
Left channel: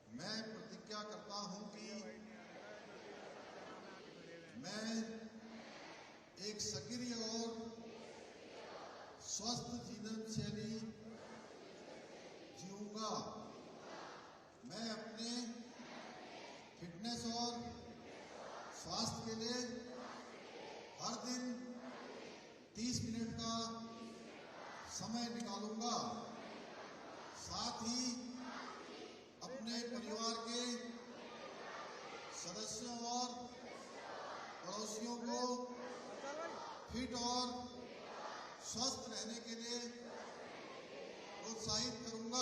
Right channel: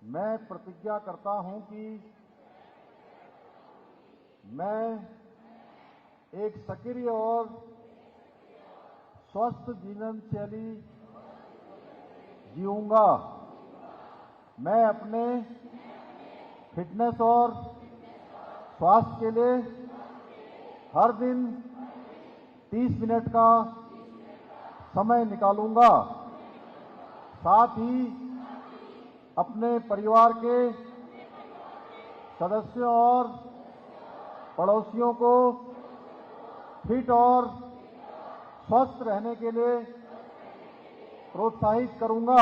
मैं प्रतिज्ञा करता हूं कि मैं एक सक्रिय और स्वस्थ जीवन शैली जीऊंगा। मैं अपने फिटनेस और स्वास्थ्य के लिए हर दिन 30 मिनट का समय निकालूंगा। साथ ही अपने परिवार के सदस्यों और पड़ोसियों को फिट और स्वस्थ रहने के लिए प्रोत्साहित करूंगा।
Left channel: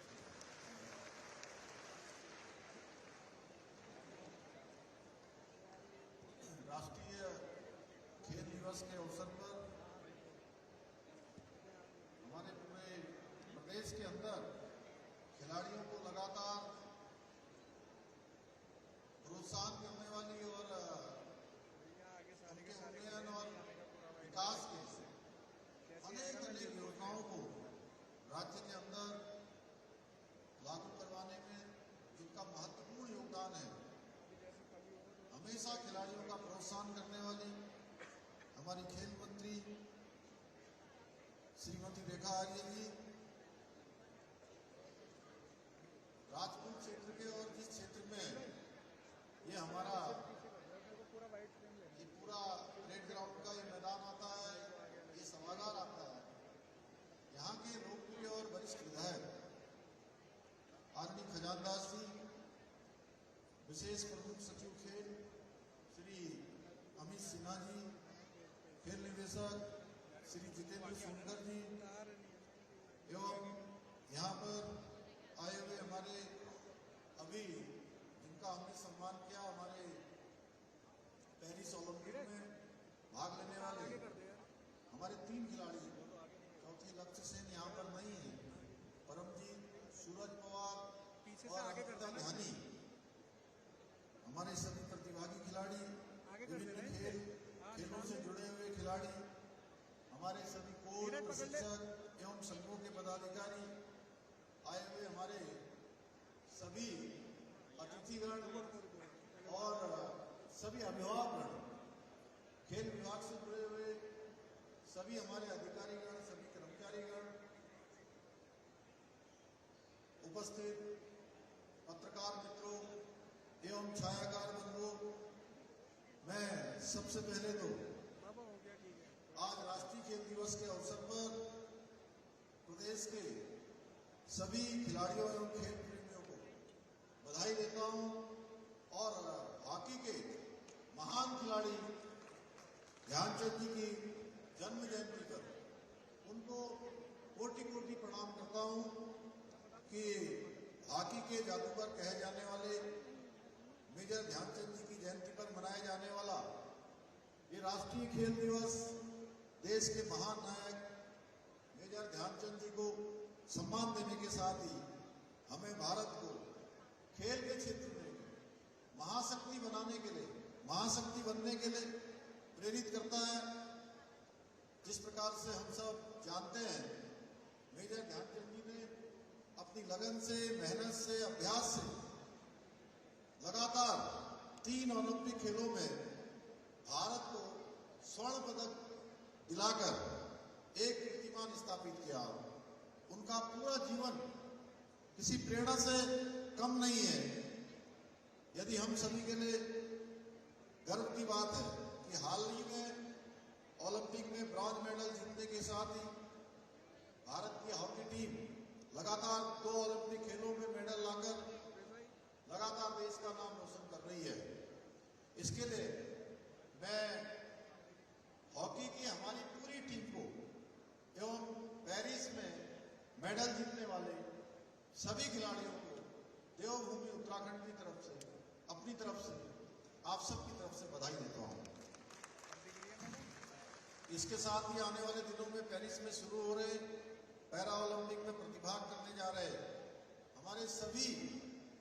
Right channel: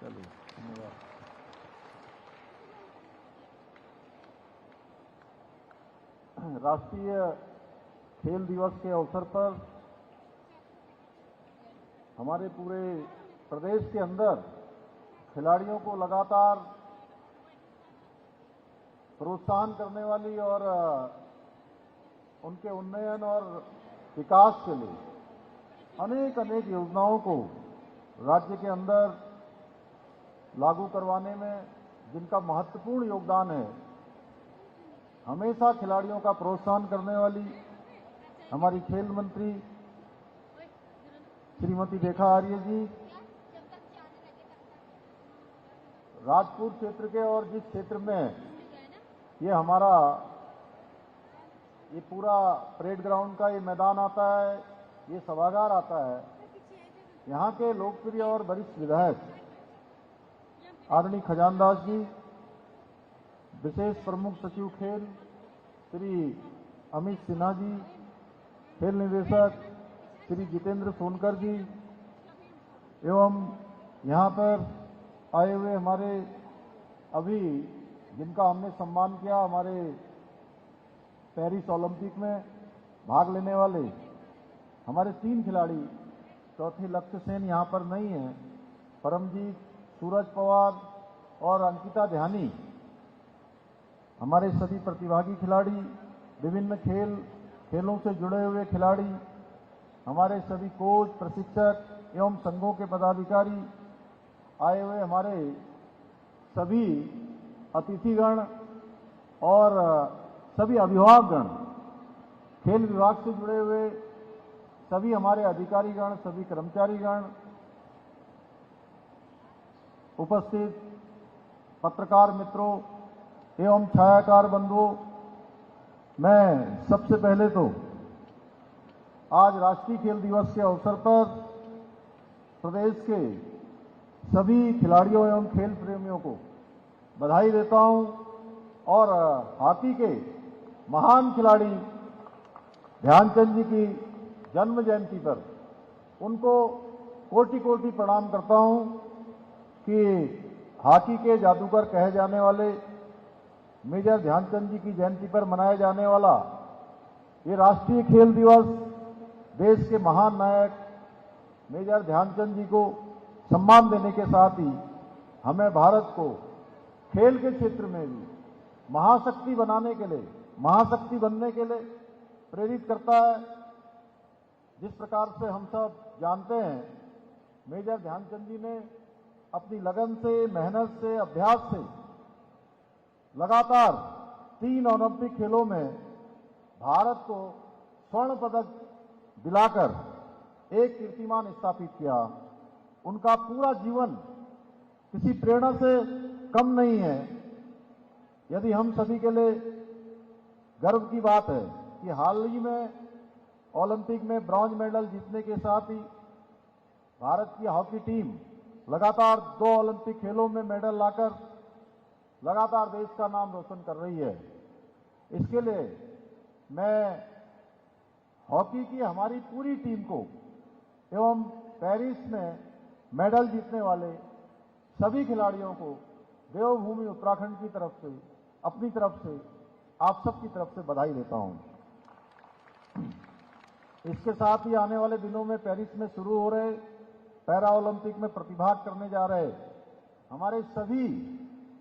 चलिए, धन्यवाद। राष्ट्रीय खेल दिवस के अवसर पर हमारे पूरे प्रदेश के अंदर खिलाड़ियों को लगातार प्रोत्साहन करने वाली और उनके उन्नयन और विकास के लिए अनेक अनेक योजनाओं को राज्य के अंदर लागू करवाने में जिनका महत्वपूर्ण योगदान है, हमेशा खिलाड़ियों का प्रोत्साहन करने वाली हमारी खेल मंत्री श्रीमती रेखा आर्य जी राजपुर क्षेत्र के और जिस क्षेत्र में ये हमारा ये पूरा परेड ग्राउंड का ये मैदान आता है, ये सभागार आता है, यहाँ के लोकप्रिय और वरिष्ठ विधायक आदरणीय खजानदास जी, विशेष प्रमुख सचिव खेल श्री अमित सिन्हा जी, खेल निदेशक श्री जितेंद्र सोनकर जी एवं यहाँ पर आए हुए हमारे अभी जिनका हमने सम्मान किया, हमारे पेरिस ओलंपिक में भाग लेने वाले हमारे 3 खिलाड़ी, चौथे लक्ष्य सेन यहाँ पर नहीं है, परमजीत, सूरज पवार और अंकिता ध्यानी, हमारे सभी प्रतिभागी खिलाड़ी, विभिन्न खेलों से जुड़े हुए खिलाड़ी, हमारे सभी कोच, प्रशिक्षक एवं संघों के पदाधिकारी, आए हुए हमारे सभी अतिथिगण और सभी अभिभावकगण, खेल विभाग से जुड़े हुए सभी हमारे अधिकारीगण, सभी कर्मचारीगण, उपस्थित पत्रकार मित्रों एवं छायाकार बंधुओं, मैं सबसे पहले तो आज राष्ट्रीय खेल दिवस के अवसर पर प्रदेश के सभी खिलाड़ियों एवं खेल प्रेमियों को बधाई देता हूं और हॉकी के महान खिलाड़ी ध्यानचंद जी की जन्म जयंती पर उनको कोटि कोटि प्रणाम करता हूं कि हॉकी के जादूगर कहे जाने वाले मेजर ध्यानचंद जी की जयंती पर मनाया जाने वाला ये राष्ट्रीय खेल दिवस देश के महान नायक मेजर ध्यानचंद जी को सम्मान देने के साथ ही हमें भारत को खेल के क्षेत्र में भी महाशक्ति बनाने के लिए, महाशक्ति बनने के लिए प्रेरित करता है। जिस प्रकार से हम सब जानते हैं, मेजर ध्यानचंद जी ने अपनी लगन से, मेहनत से, अभ्यास से लगातार 3 ओलंपिक खेलों में भारत को स्वर्ण पदक दिलाकर एक कीर्तिमान स्थापित किया। उनका पूरा जीवन किसी प्रेरणा से कम नहीं है। यदि हम सभी के लिए गर्व की बात है कि हाल ही में ओलंपिक में ब्रॉन्ज मेडल जीतने के साथ ही भारत की हॉकी टीम लगातार 2 ओलंपिक खेलों में मेडल लाकर लगातार देश का नाम रोशन कर रही है। इसके लिए मैं हॉकी की हमारी पूरी टीम को एवं पेरिस में मेडल जीतने वाले सभी खिलाड़ियों को देवभूमि उत्तराखंड की तरफ से, अपनी तरफ से, आप सबकी तरफ से बधाई देता हूं। इसके साथ ही आने वाले दिनों में पेरिस में शुरू हो रहे पैरा ओलंपिक में प्रतिभाग करने जा रहे हमारे सभी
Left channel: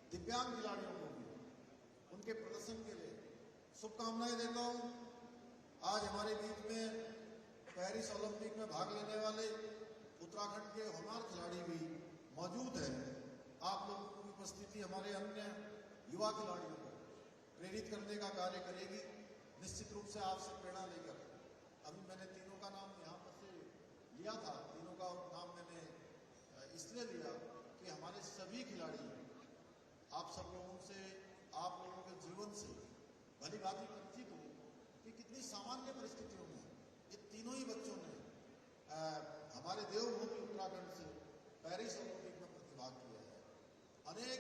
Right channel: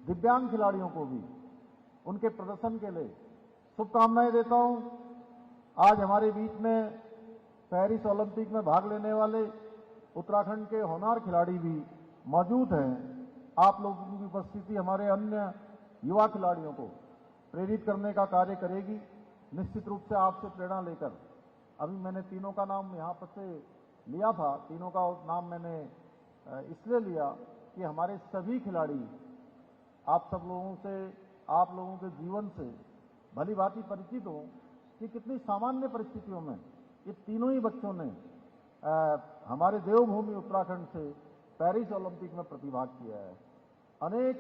दिव्यांग खिलाड़ियों को भी उनके प्रदर्शन के लिए शुभकामनाएं देता हूं। आज हमारे बीच में पेरिस ओलंपिक में भाग लेने वाले उत्तराखंड के होनहार खिलाड़ी भी मौजूद हैं। आप लोगों की उपस्थिति हमारे अन्य युवा खिलाड़ियों को प्रेरित करने का कार्य करेगी। निश्चित रूप से आपसे प्रेरणा लेकर अभी मैंने तीनों का नाम यहाँ पर से लिया था, तीनों का नाम मैंने इसलिए लिया कि हमारे सभी खिलाड़ी आप सब लोगों से, आप लोगों के जीवन से भली भांति परिचित हो कि कितनी सामान्य परिस्थितियों में ये तीनों ही बच्चों ने हमारे देवभूमि उत्तराखंड से पेरिस ओलंपिक में प्रतिभाग किया है। अनेक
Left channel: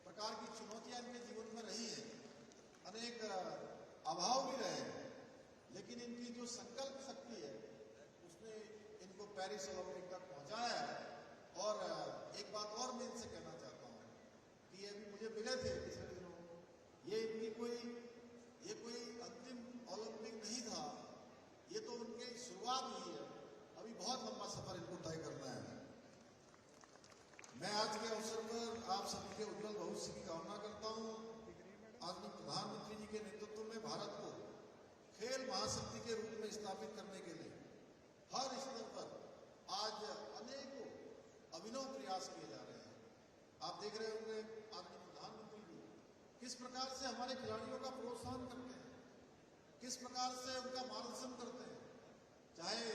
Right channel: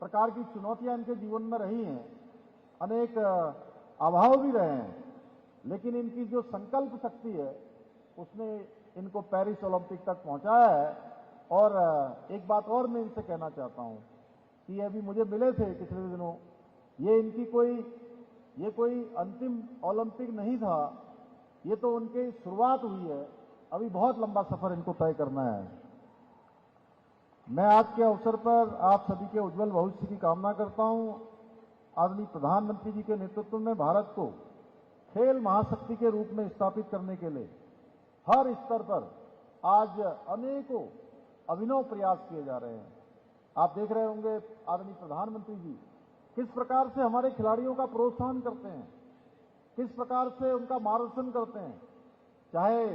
प्रकार की चुनौतियां इनके जीवन में रही हैं, अनेक अभाव भी रहे हैं, लेकिन इनकी जो संकल्प शक्ति है उसने इनको पेरिस ओलंपिक तक पहुंचाया है। और एक बात और मैं इनसे कहना चाहता हूं कि अभी मुझे मिले थे पिछले दिनों, ये कोई अंतिम ओलंपिक नहीं था, ये तो उनकी शुरुआत हुई है, अभी बहुत लंबा सफर इनको तय करना है। मैं आज के अवसर पर आप सभी के उज्जवल भविष्य की कामना करता हूं। आदरणीय प्रधानमंत्री जी के नेतृत्व में भारत को खेल महाशक्ति के रूप में स्थापित करने के लिए हर स्तर पर आज अनेकों अभिनव प्रयास किए जा रहे हैं। आप देख रहे होंगे आदरणीय प्रधानमंत्री जी किस प्रकार से हमारे खिलाड़ियों का प्रोत्साहन करते हैं, किस प्रकार से उनका मार्गदर्शन करते हैं, चाहे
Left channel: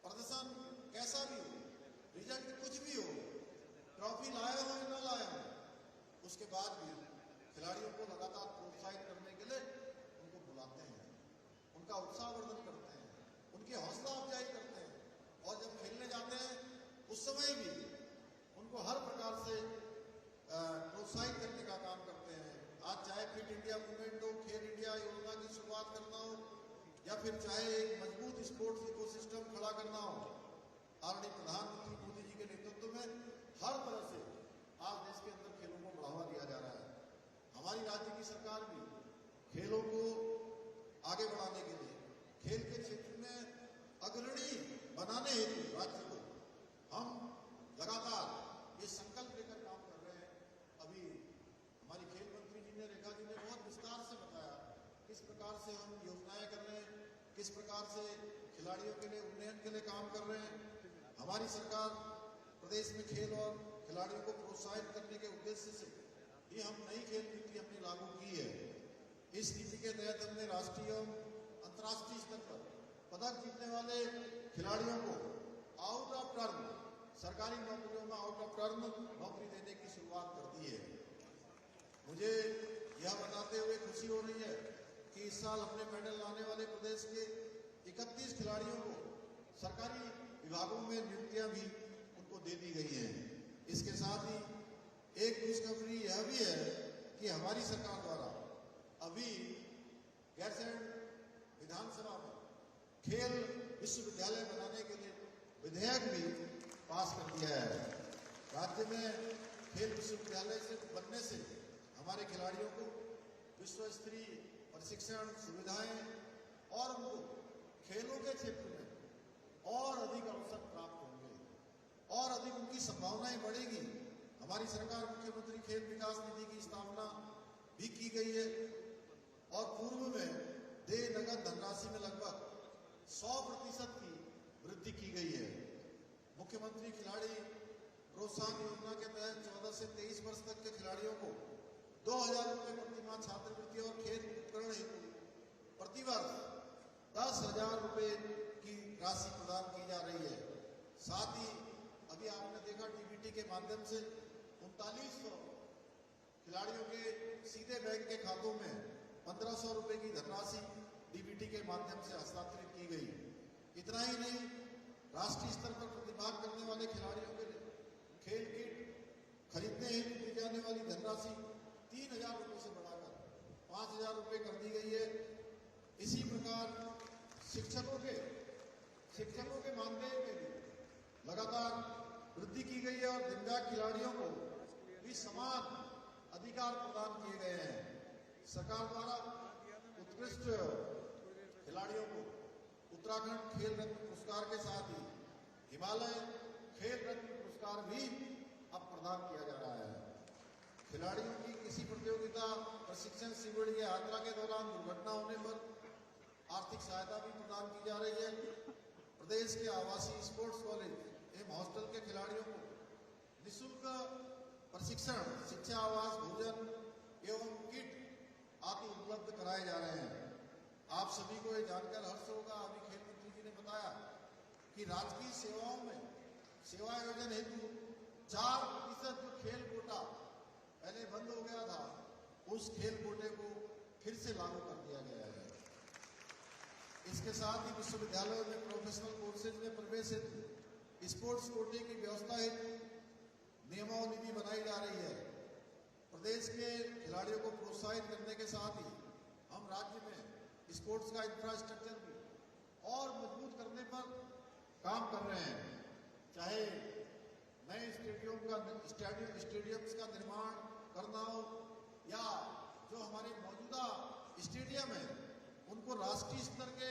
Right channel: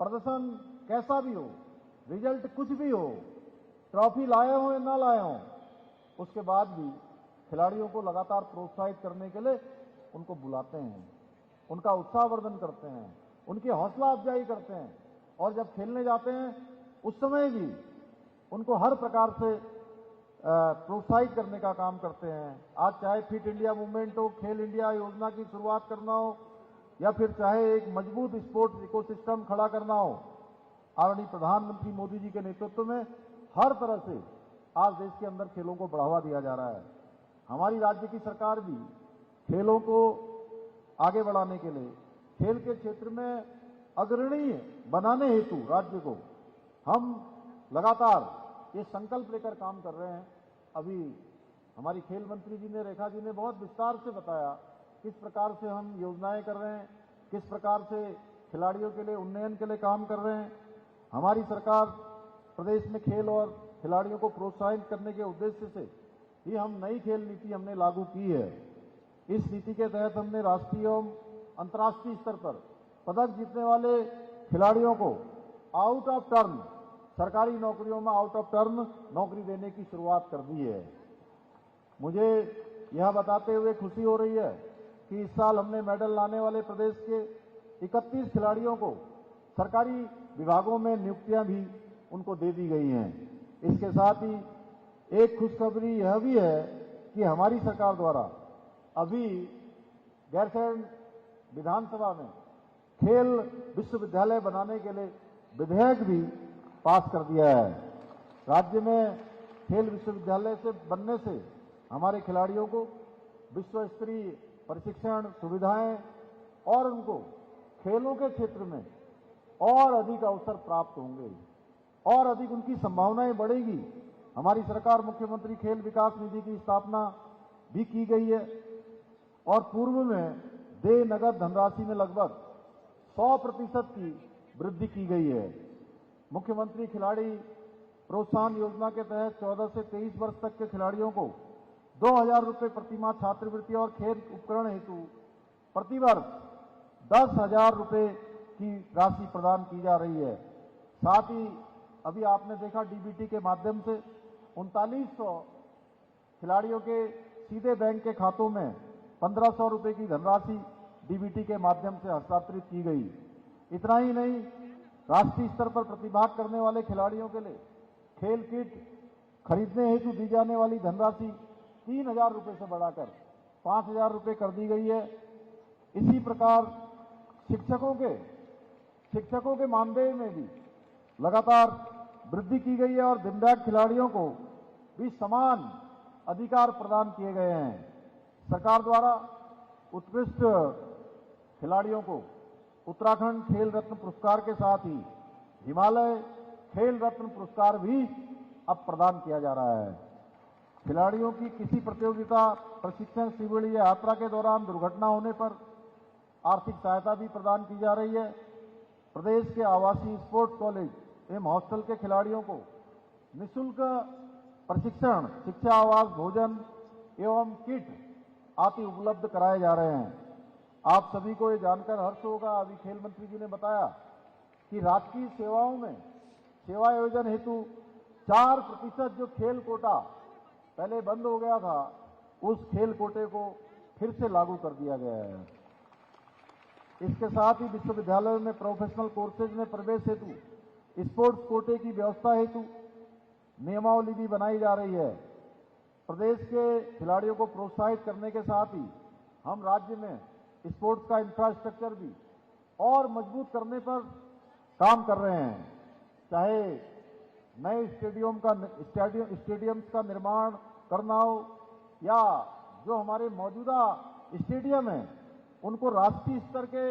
प्रदर्शन कैसा भी हो, रिजल्ट कुछ भी हो, ट्रॉफी लाए हो या ना लाए हो, उसके बाद भी खिलाड़ियों को लगातार प्रोत्साहित करने के लिए उनको बुलाते हैं, उनका उत्साहवर्धन करते हैं, उनकी हौसला अफजाई करते हैं और जब खेलने जाते हैं उस समय भी उनको हर प्रकार से प्रोत्साहित करने का काम करते हैं। आज चाहे फिट इंडिया मूवमेंट हो, खेल इंडिया योजना की शुरुआत करना हो, या फिर चाहे एक मजबूत स्पोर्ट्स इकोसिस्टम खड़ा करना हो, आदरणीय प्रधानमंत्री मोदी जी के नेतृत्व में हर तरह से आज देश के अंदर खेलों को बढ़ावा दिया जा रहा है। हमारी राज्य की सरकार भी खेलों को आगे बढ़ाने के लिए, खेल के क्षेत्र में अग्रणी बनाने हेतु राज्य को हम लगातार ये संकल्प लेकर काम कर रहे हैं। अभी हमारी खेल मंत्री जी ने, रेखा जी ने बहुत विस्तार से बताया किस प्रकार से हम योजनाएं कर रहे हैं, किस प्रकार से खिलाड़ियों के लिए उन्नयन के लिए काम कर रहे हैं। हमारी सरकार प्रदेश में खेल और खिलाड़ियों को प्रोत्साहित करने के उद्देश्य से ही हम नई खेल नीति हमने लागू की है। इस नीति के तहत हमने राष्ट्रीय एवं अंतर्राष्ट्रीय स्तर पर पदक जीतने वाले खिलाड़ियों को आउट ऑफ टर्म, सरकारी नौकरियों में आउट ऑफ टर्म नौकरी देने की शुरुआत कर दी है। मुझे यह बताते हुए खुशी हो रही है कि इस साल हमने मेडल लाने वाले प्रदेश के 31 खिलाड़ियों को सरकारी विभागों में नियुक्तियां भी उनको दे दी गई हैं। इसके साथ ही एक खुशखबरी यह भी है कि हमारी सरकार द्वारा अभी गैरसैंण विधानसभा में खेल विश्वविद्यालय बनाने के लिए विधेयक भी पास कर दिया है। राज्य में खेल विश्वविद्यालय से बनने से हमारे खिलाड़ियों को विश्व स्तरीय प्रशिक्षण सुविधाएं और उनको खेलों के क्षेत्र में और अधिक अवसर प्राप्त होंगे और अधिक उनकी संभावनाएं बढ़ेगी। हमारी सरकार मुख्यमंत्री खेल विकास निधि की स्थापना भी की गई है और पूर्व में देय नगद धनराशि में लगभग 100% की वृद्धि की गई है। मुख्यमंत्री खिलाड़ी प्रोत्साहन योजना के तहत 14 से 23 वर्ष तक के खिलाड़ियों को 2,000 रुपये प्रतिमाह छात्रवृत्ति और खेल उपकरण हेतु प्रतिवर्ष 10,000 रुपये की राशि प्रदान की जा रही है। साथ ही अभी आपने देखा डीबीटी के माध्यम से 3900 खिलाड़ियों के सीधे बैंक के खातों में 1500 रुपये की धनराशि डीबीटी के माध्यम से हस्तांतरित की गई। इतना ही नहीं, राष्ट्रीय स्तर पर प्रतिभाग करने वाले खिलाड़ियों के लिए खेल किट खरीदने हेतु दी जाने वाली धनराशि 3,000 रुपये से बढ़ाकर 5,000 रुपये कर दी गई है। इसी प्रकार शिक्षकों के मानदेय में भी लगातार वृद्धि की गई है और दिव्यांग खिलाड़ियों को भी समान अधिकार प्रदान किए गए हैं। सरकार द्वारा उत्कृष्ट खिलाड़ियों को उत्तराखंड खेल रत्न पुरस्कार के साथ ही हिमालय खेल रत्न पुरस्कार भी अब प्रदान किया जा रहा है। खिलाड़ियों की किसी प्रतियोगिता, प्रशिक्षण शिविर या यात्रा के दौरान दुर्घटना होने पर आर्थिक सहायता भी प्रदान की जा रही है। प्रदेश के आवासीय स्पोर्ट्स कॉलेज एवं हॉस्टल के खिलाड़ियों को निःशुल्क प्रशिक्षण, शिक्षा, आवास, भोजन एवं किट आदि उपलब्ध कराए जा रहे हैं। आप सभी को ये जानकर हर्ष होगा, अभी खेल मंत्री जी ने बताया कि राजकीय सेवाओं में सेवा आयोजन हेतु 4% जो खेल कोटा पहले बंद हो गया था, उस खेल कोटे को फिर से लागू कर दिया गया है। इसके साथ ही विश्वविद्यालयों में प्रोफेशनल कोर्सेज में प्रवेश हेतु स्पोर्ट्स कोटे की व्यवस्था हेतु नियमावली भी बनाई जा रही है। प्रदेश के खिलाड़ियों को प्रोत्साहित करने के साथ ही हम राज्य में स्पोर्ट्स का इंफ्रास्ट्रक्चर भी और मजबूत करने पर काम कर रहे हैं। चाहे नए स्टेडियम का निर्माण करना हो या जो हमारे मौजूदा स्टेडियम हैं उनको राष्ट्रीय स्तर के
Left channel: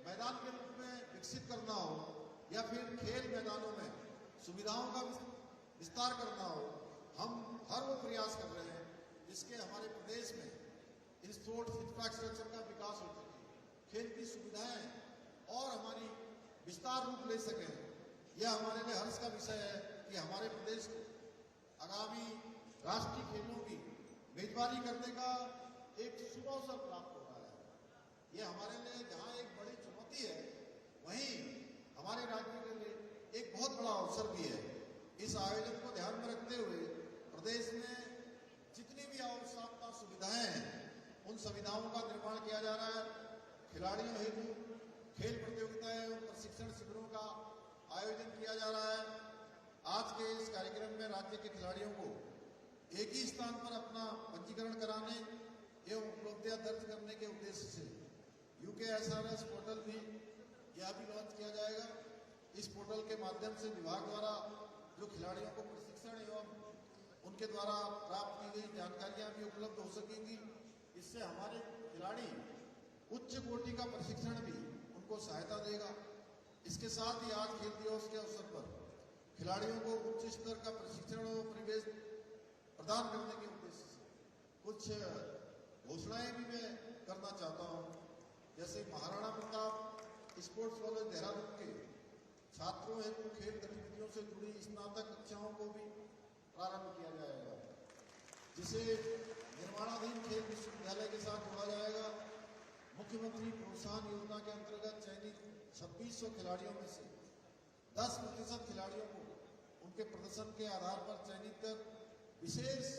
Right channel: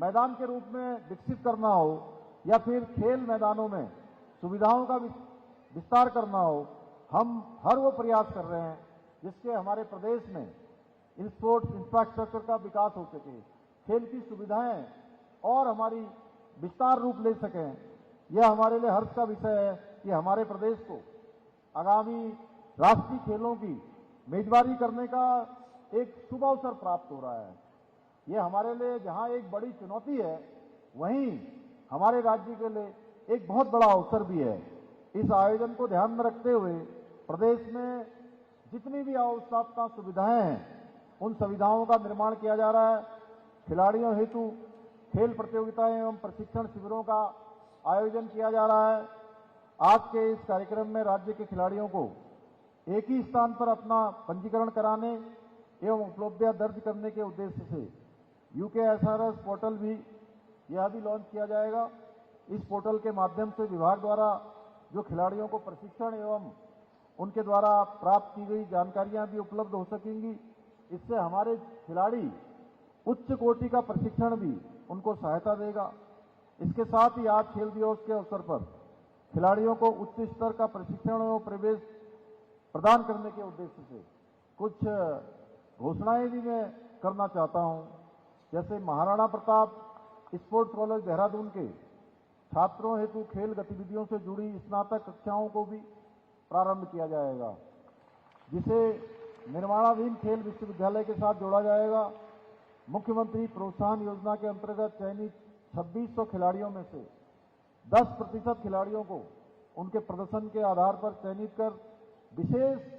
मैदान के रूप में विकसित करना हो या फिर खेल मैदानों में सुविधाओं का विस्तार करना हो, हम हर वो प्रयास कर रहे हैं जिससे हमारे प्रदेश में स्पोर्ट्स इंफ्रास्ट्रक्चर का विकास हो सके, खेल की सुविधाएं और हमारी विस्तार रूप ले सकें। यह हमारे लिए हर्ष का विषय है कि हमारे प्रदेश को आगामी राष्ट्रीय खेलों की मेजबानी करने का एक शुभ अवसर प्राप्त हो रहा है। यह हमारे लिए जहां एक बड़ी चुनौती है, वहीं हमारे राज्य के लिए एक बहुत बड़ा अवसर भी है। इस आयोजन को ध्यान में रखते हुए प्रदेश में जितनी भी आवश्यकता सुविधाएं हैं, उन सुविधाओं का निर्माण किया जा रहा है। खिलाड़ियों हेतु खेल प्रतियोगिताएं एवं प्रशिक्षण शिविरों का आयोजन किया जा रहा है। आज के इस कार्यक्रम में राज्य के खिलाड़ियों को एक ही स्थान पर अपना पंजीकरण कराने एवं उपलब्धियां दर्ज करने के उद्देश्य से UKSRS पोर्टल भी लॉन्च किया जाएगा। इस पोर्टल के माध्यम से विभाग द्वारा जो खिलाड़ियों को प्रशिक्षण एवं उनके द्वारा प्राप्त की गई जानकारियां भी उपलब्ध हो सकेंगी। इससे हमारे खिलाड़ी उच्च कोटि का प्रशिक्षण भी उनको सहायता देगा। इसके साथ ही आज खेल दिवस के अवसर पर खिलाड़ियों को उच्च स्तर का प्रशिक्षण एवं प्रवेश प्रदान करने के उद्देश्य से कुछ घोषणाएं भी मैं करना चाहता हूं। जैसे महाराणा प्रताप स्पोर्ट्स कॉलेज देहरादून के छात्रों हेतु खेल गतिविधियों से जुड़ी स्नातक कक्षाओं को भी प्रारंभ किया जाएगा, जिसे निर्माणाधीन खेल विश्वविद्यालय के साथ जोड़ा जाएगा। मुख्यमंत्री प्रोत्साहन योजना के अंतर्गत चयनित 2600 खिलाड़ियों में से 10% खिलाड़ियों को उनके प्रदर्शन के आधार पर चयनित कर विशेष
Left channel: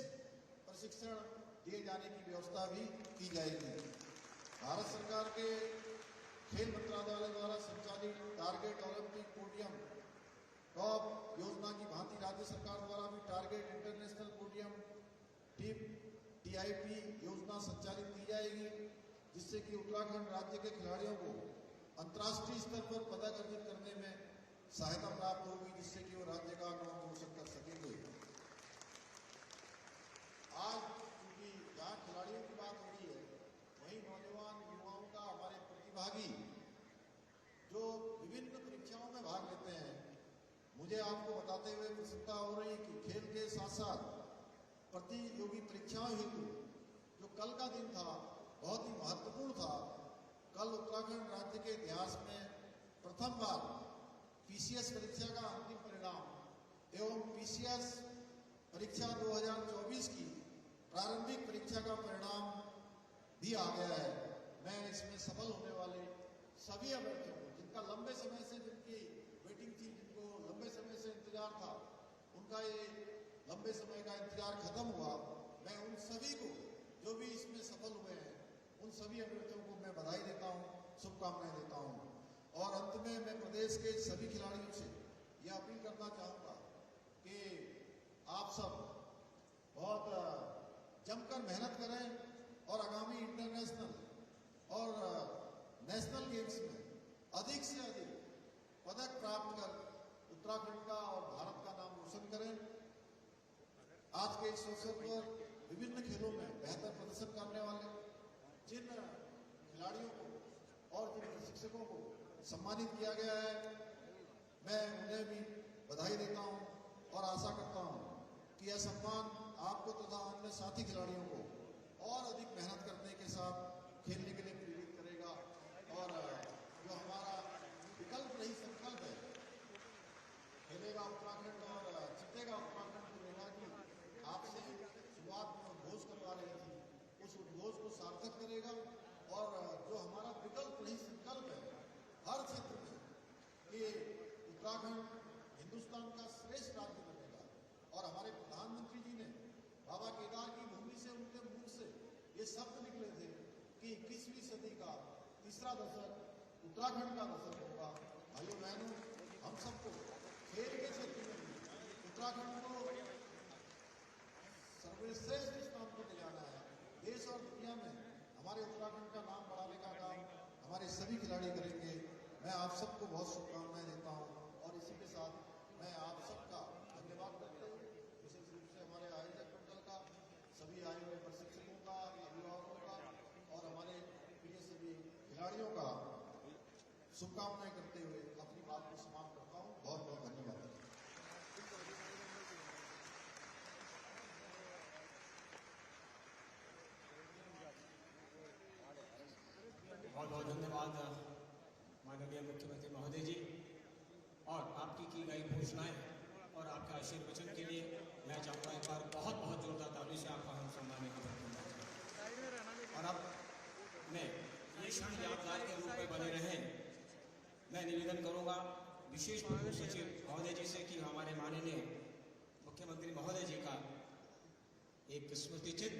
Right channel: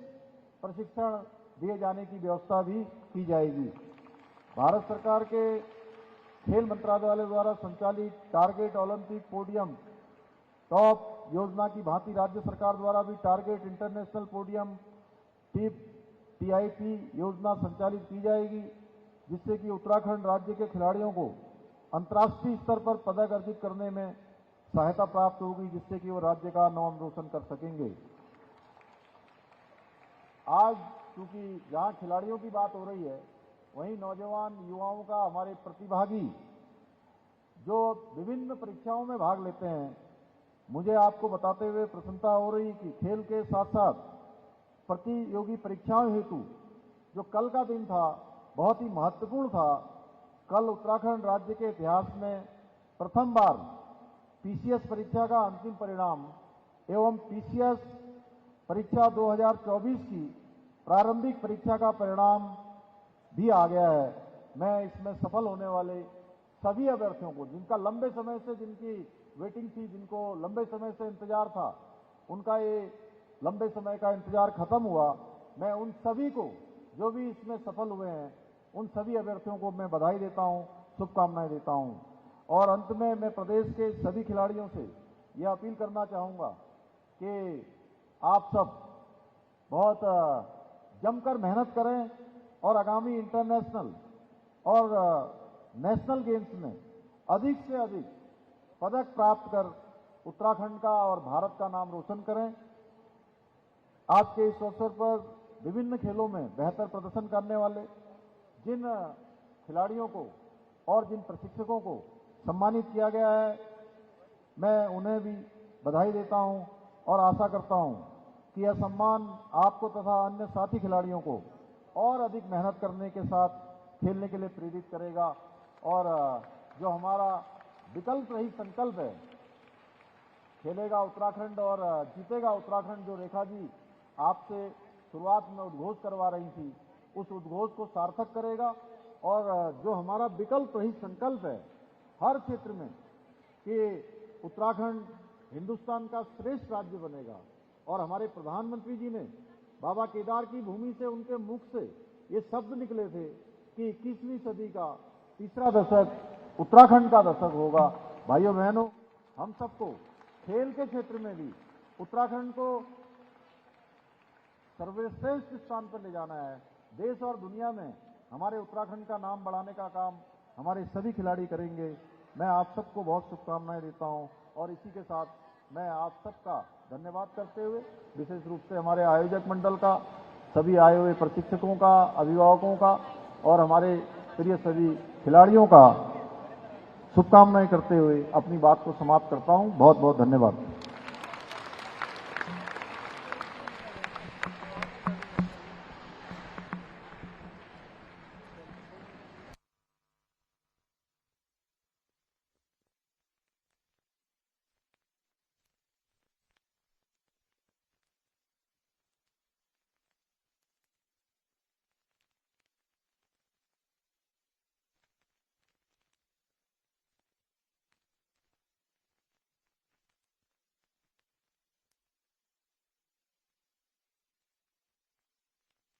प्रशिक्षण दिए जाने की व्यवस्था भी की जाएगी। भारत सरकार के खेल मंत्रालय द्वारा संचालित टारगेट ओलंपिक पोडियम टॉप योजना की भांति राज्य सरकार द्वारा भी टारगेट इंटरनेशनल पोडियम TIP योजना संचालित की जाएगी, जिससे कि उत्तराखंड राज्य के खिलाड़ियों को अंतर्राष्ट्रीय स्तर पर पदक अर्जित करने में सहायता प्राप्त होगी, जिससे कि वो राज्य का नाम रोशन कर सकेंगे। आज चूंकि जहां खिलाड़ियों की बात हो रही है, वहीं नौजवान युवाओं का, हमारे प्रतिभागी जो विभिन्न परीक्षाओं में भाग लेते हैं, मुझे आपको बताते हुए प्रसन्नता हो रही कि खेल के साथ साथ प्रतियोगी परीक्षाओं हेतु जो कल का दिन था बहुत ही महत्वपूर्ण था। कल उत्तराखंड राज्य के इतिहास में प्रथम बार PCS परीक्षा का अंतिम परिणाम एवं PCS परीक्षा 2024 की प्रारंभिक परीक्षा का परिणाम भी आ गया है। मैं इसमें सफल होने वाले सभी अभ्यर्थियों को, जिनका लंबे समय से जिनकी वेटिंग थी, जिनको लंबे समय से इंतजार था, उनका ये लंबे समय का इंतजार खत्म हुआ। मैं उन सभी को जो भी इसमें सफल हुए हैं, उन सभी अभ्यर्थियों को मैं बधाई देता हूं, शुभकामनाएं देता हूं। और अंत में मैं प्रदेश के सभी खिलाड़ियों से यह अपील करना चाहूंगा कि आप सब बहुत जमकर मेहनत करें और आगामी इंटरनेशनल और नेशनल गेम्स में अधिक से अधिक पदक प्राप्त कर उत्तराखंड का और भारत का नाम रोशन करें। आज के इस अवसर पर विभिन्न खेलों में बेहतर प्रदर्शन करने वाले जिन खिलाड़ियों को और जिन प्रशिक्षकों को सम्मानित किया गया है, मैं उन्हें भी बधाई देता हूं और आशा करता हूं कि यह सम्मान आपको तथा अन्य साथी खिलाड़ियों को और अधिक मेहनत करने के साथ खेलने के लिए प्रेरित करेगा। और जो हमारा विकल्प रही संकल्प है, खेलेगा उत्तराखंड और जीतेगा उत्तराखंड, जो रेखा जी आपसे शुरुआत में उद्घोष करवा रही थी, उस उद्घोष को सार्थक करेगा। और जो हमारा विकल्प रही संकल्प है हर क्षेत्र में कि उत्तराखंड हिंदुस्तान का श्रेष्ठ राज्य बनेगा, और हमारे प्रधानमंत्री जी ने बाबा केदार की भूमि से, उनके मुख से ये शब्द निकले थे कि 21वीं सदी का तीसरा दशक उत्तराखंड का दशक होगा। भाइयों बहनों, हम सबको खेल के क्षेत्र में भी उत्तराखंड को सर्वश्रेष्ठ स्थान पर ले जाना है। देश और दुनिया में हमारे उत्तराखंड का नाम बढ़ाने का काम हमारे सभी खिलाड़ी करेंगे। मैं आप सबको बहुत शुभकामनाएं देता हूं और इसी के साथ मैं आप सबका धन्यवाद करते हुए विशेष रूप से हमारे आयोजक मंडल का, सभी आए हुए प्रशिक्षकों का, अभिभावकों का और हमारे प्रिय सभी खिलाड़ियों का शुभकामनाएं करते हुए अपनी बात को समाप्त करता हूं। बहुत बहुत धन्यवाद। बहुत बहुत धन्यवाद माननीय मुख्यमंत्री महोदय जी, और आपकी की गई घोषणाएं और आपके आशीर्वचन के लिए मैं चाहूँगा एक बार बहुत बहुत जोरदार ताली से आपका हम सम्मानित करूँगा। और अब मैं ये क्षण यादगार के रूप में बने रहें, मैं निवेदन करूँगा विशेष प्रमुख सचिव महोदय जी से कि हमारे माननीय मुख्यमंत्री महोदय जी का एक स्मृति चिन्ह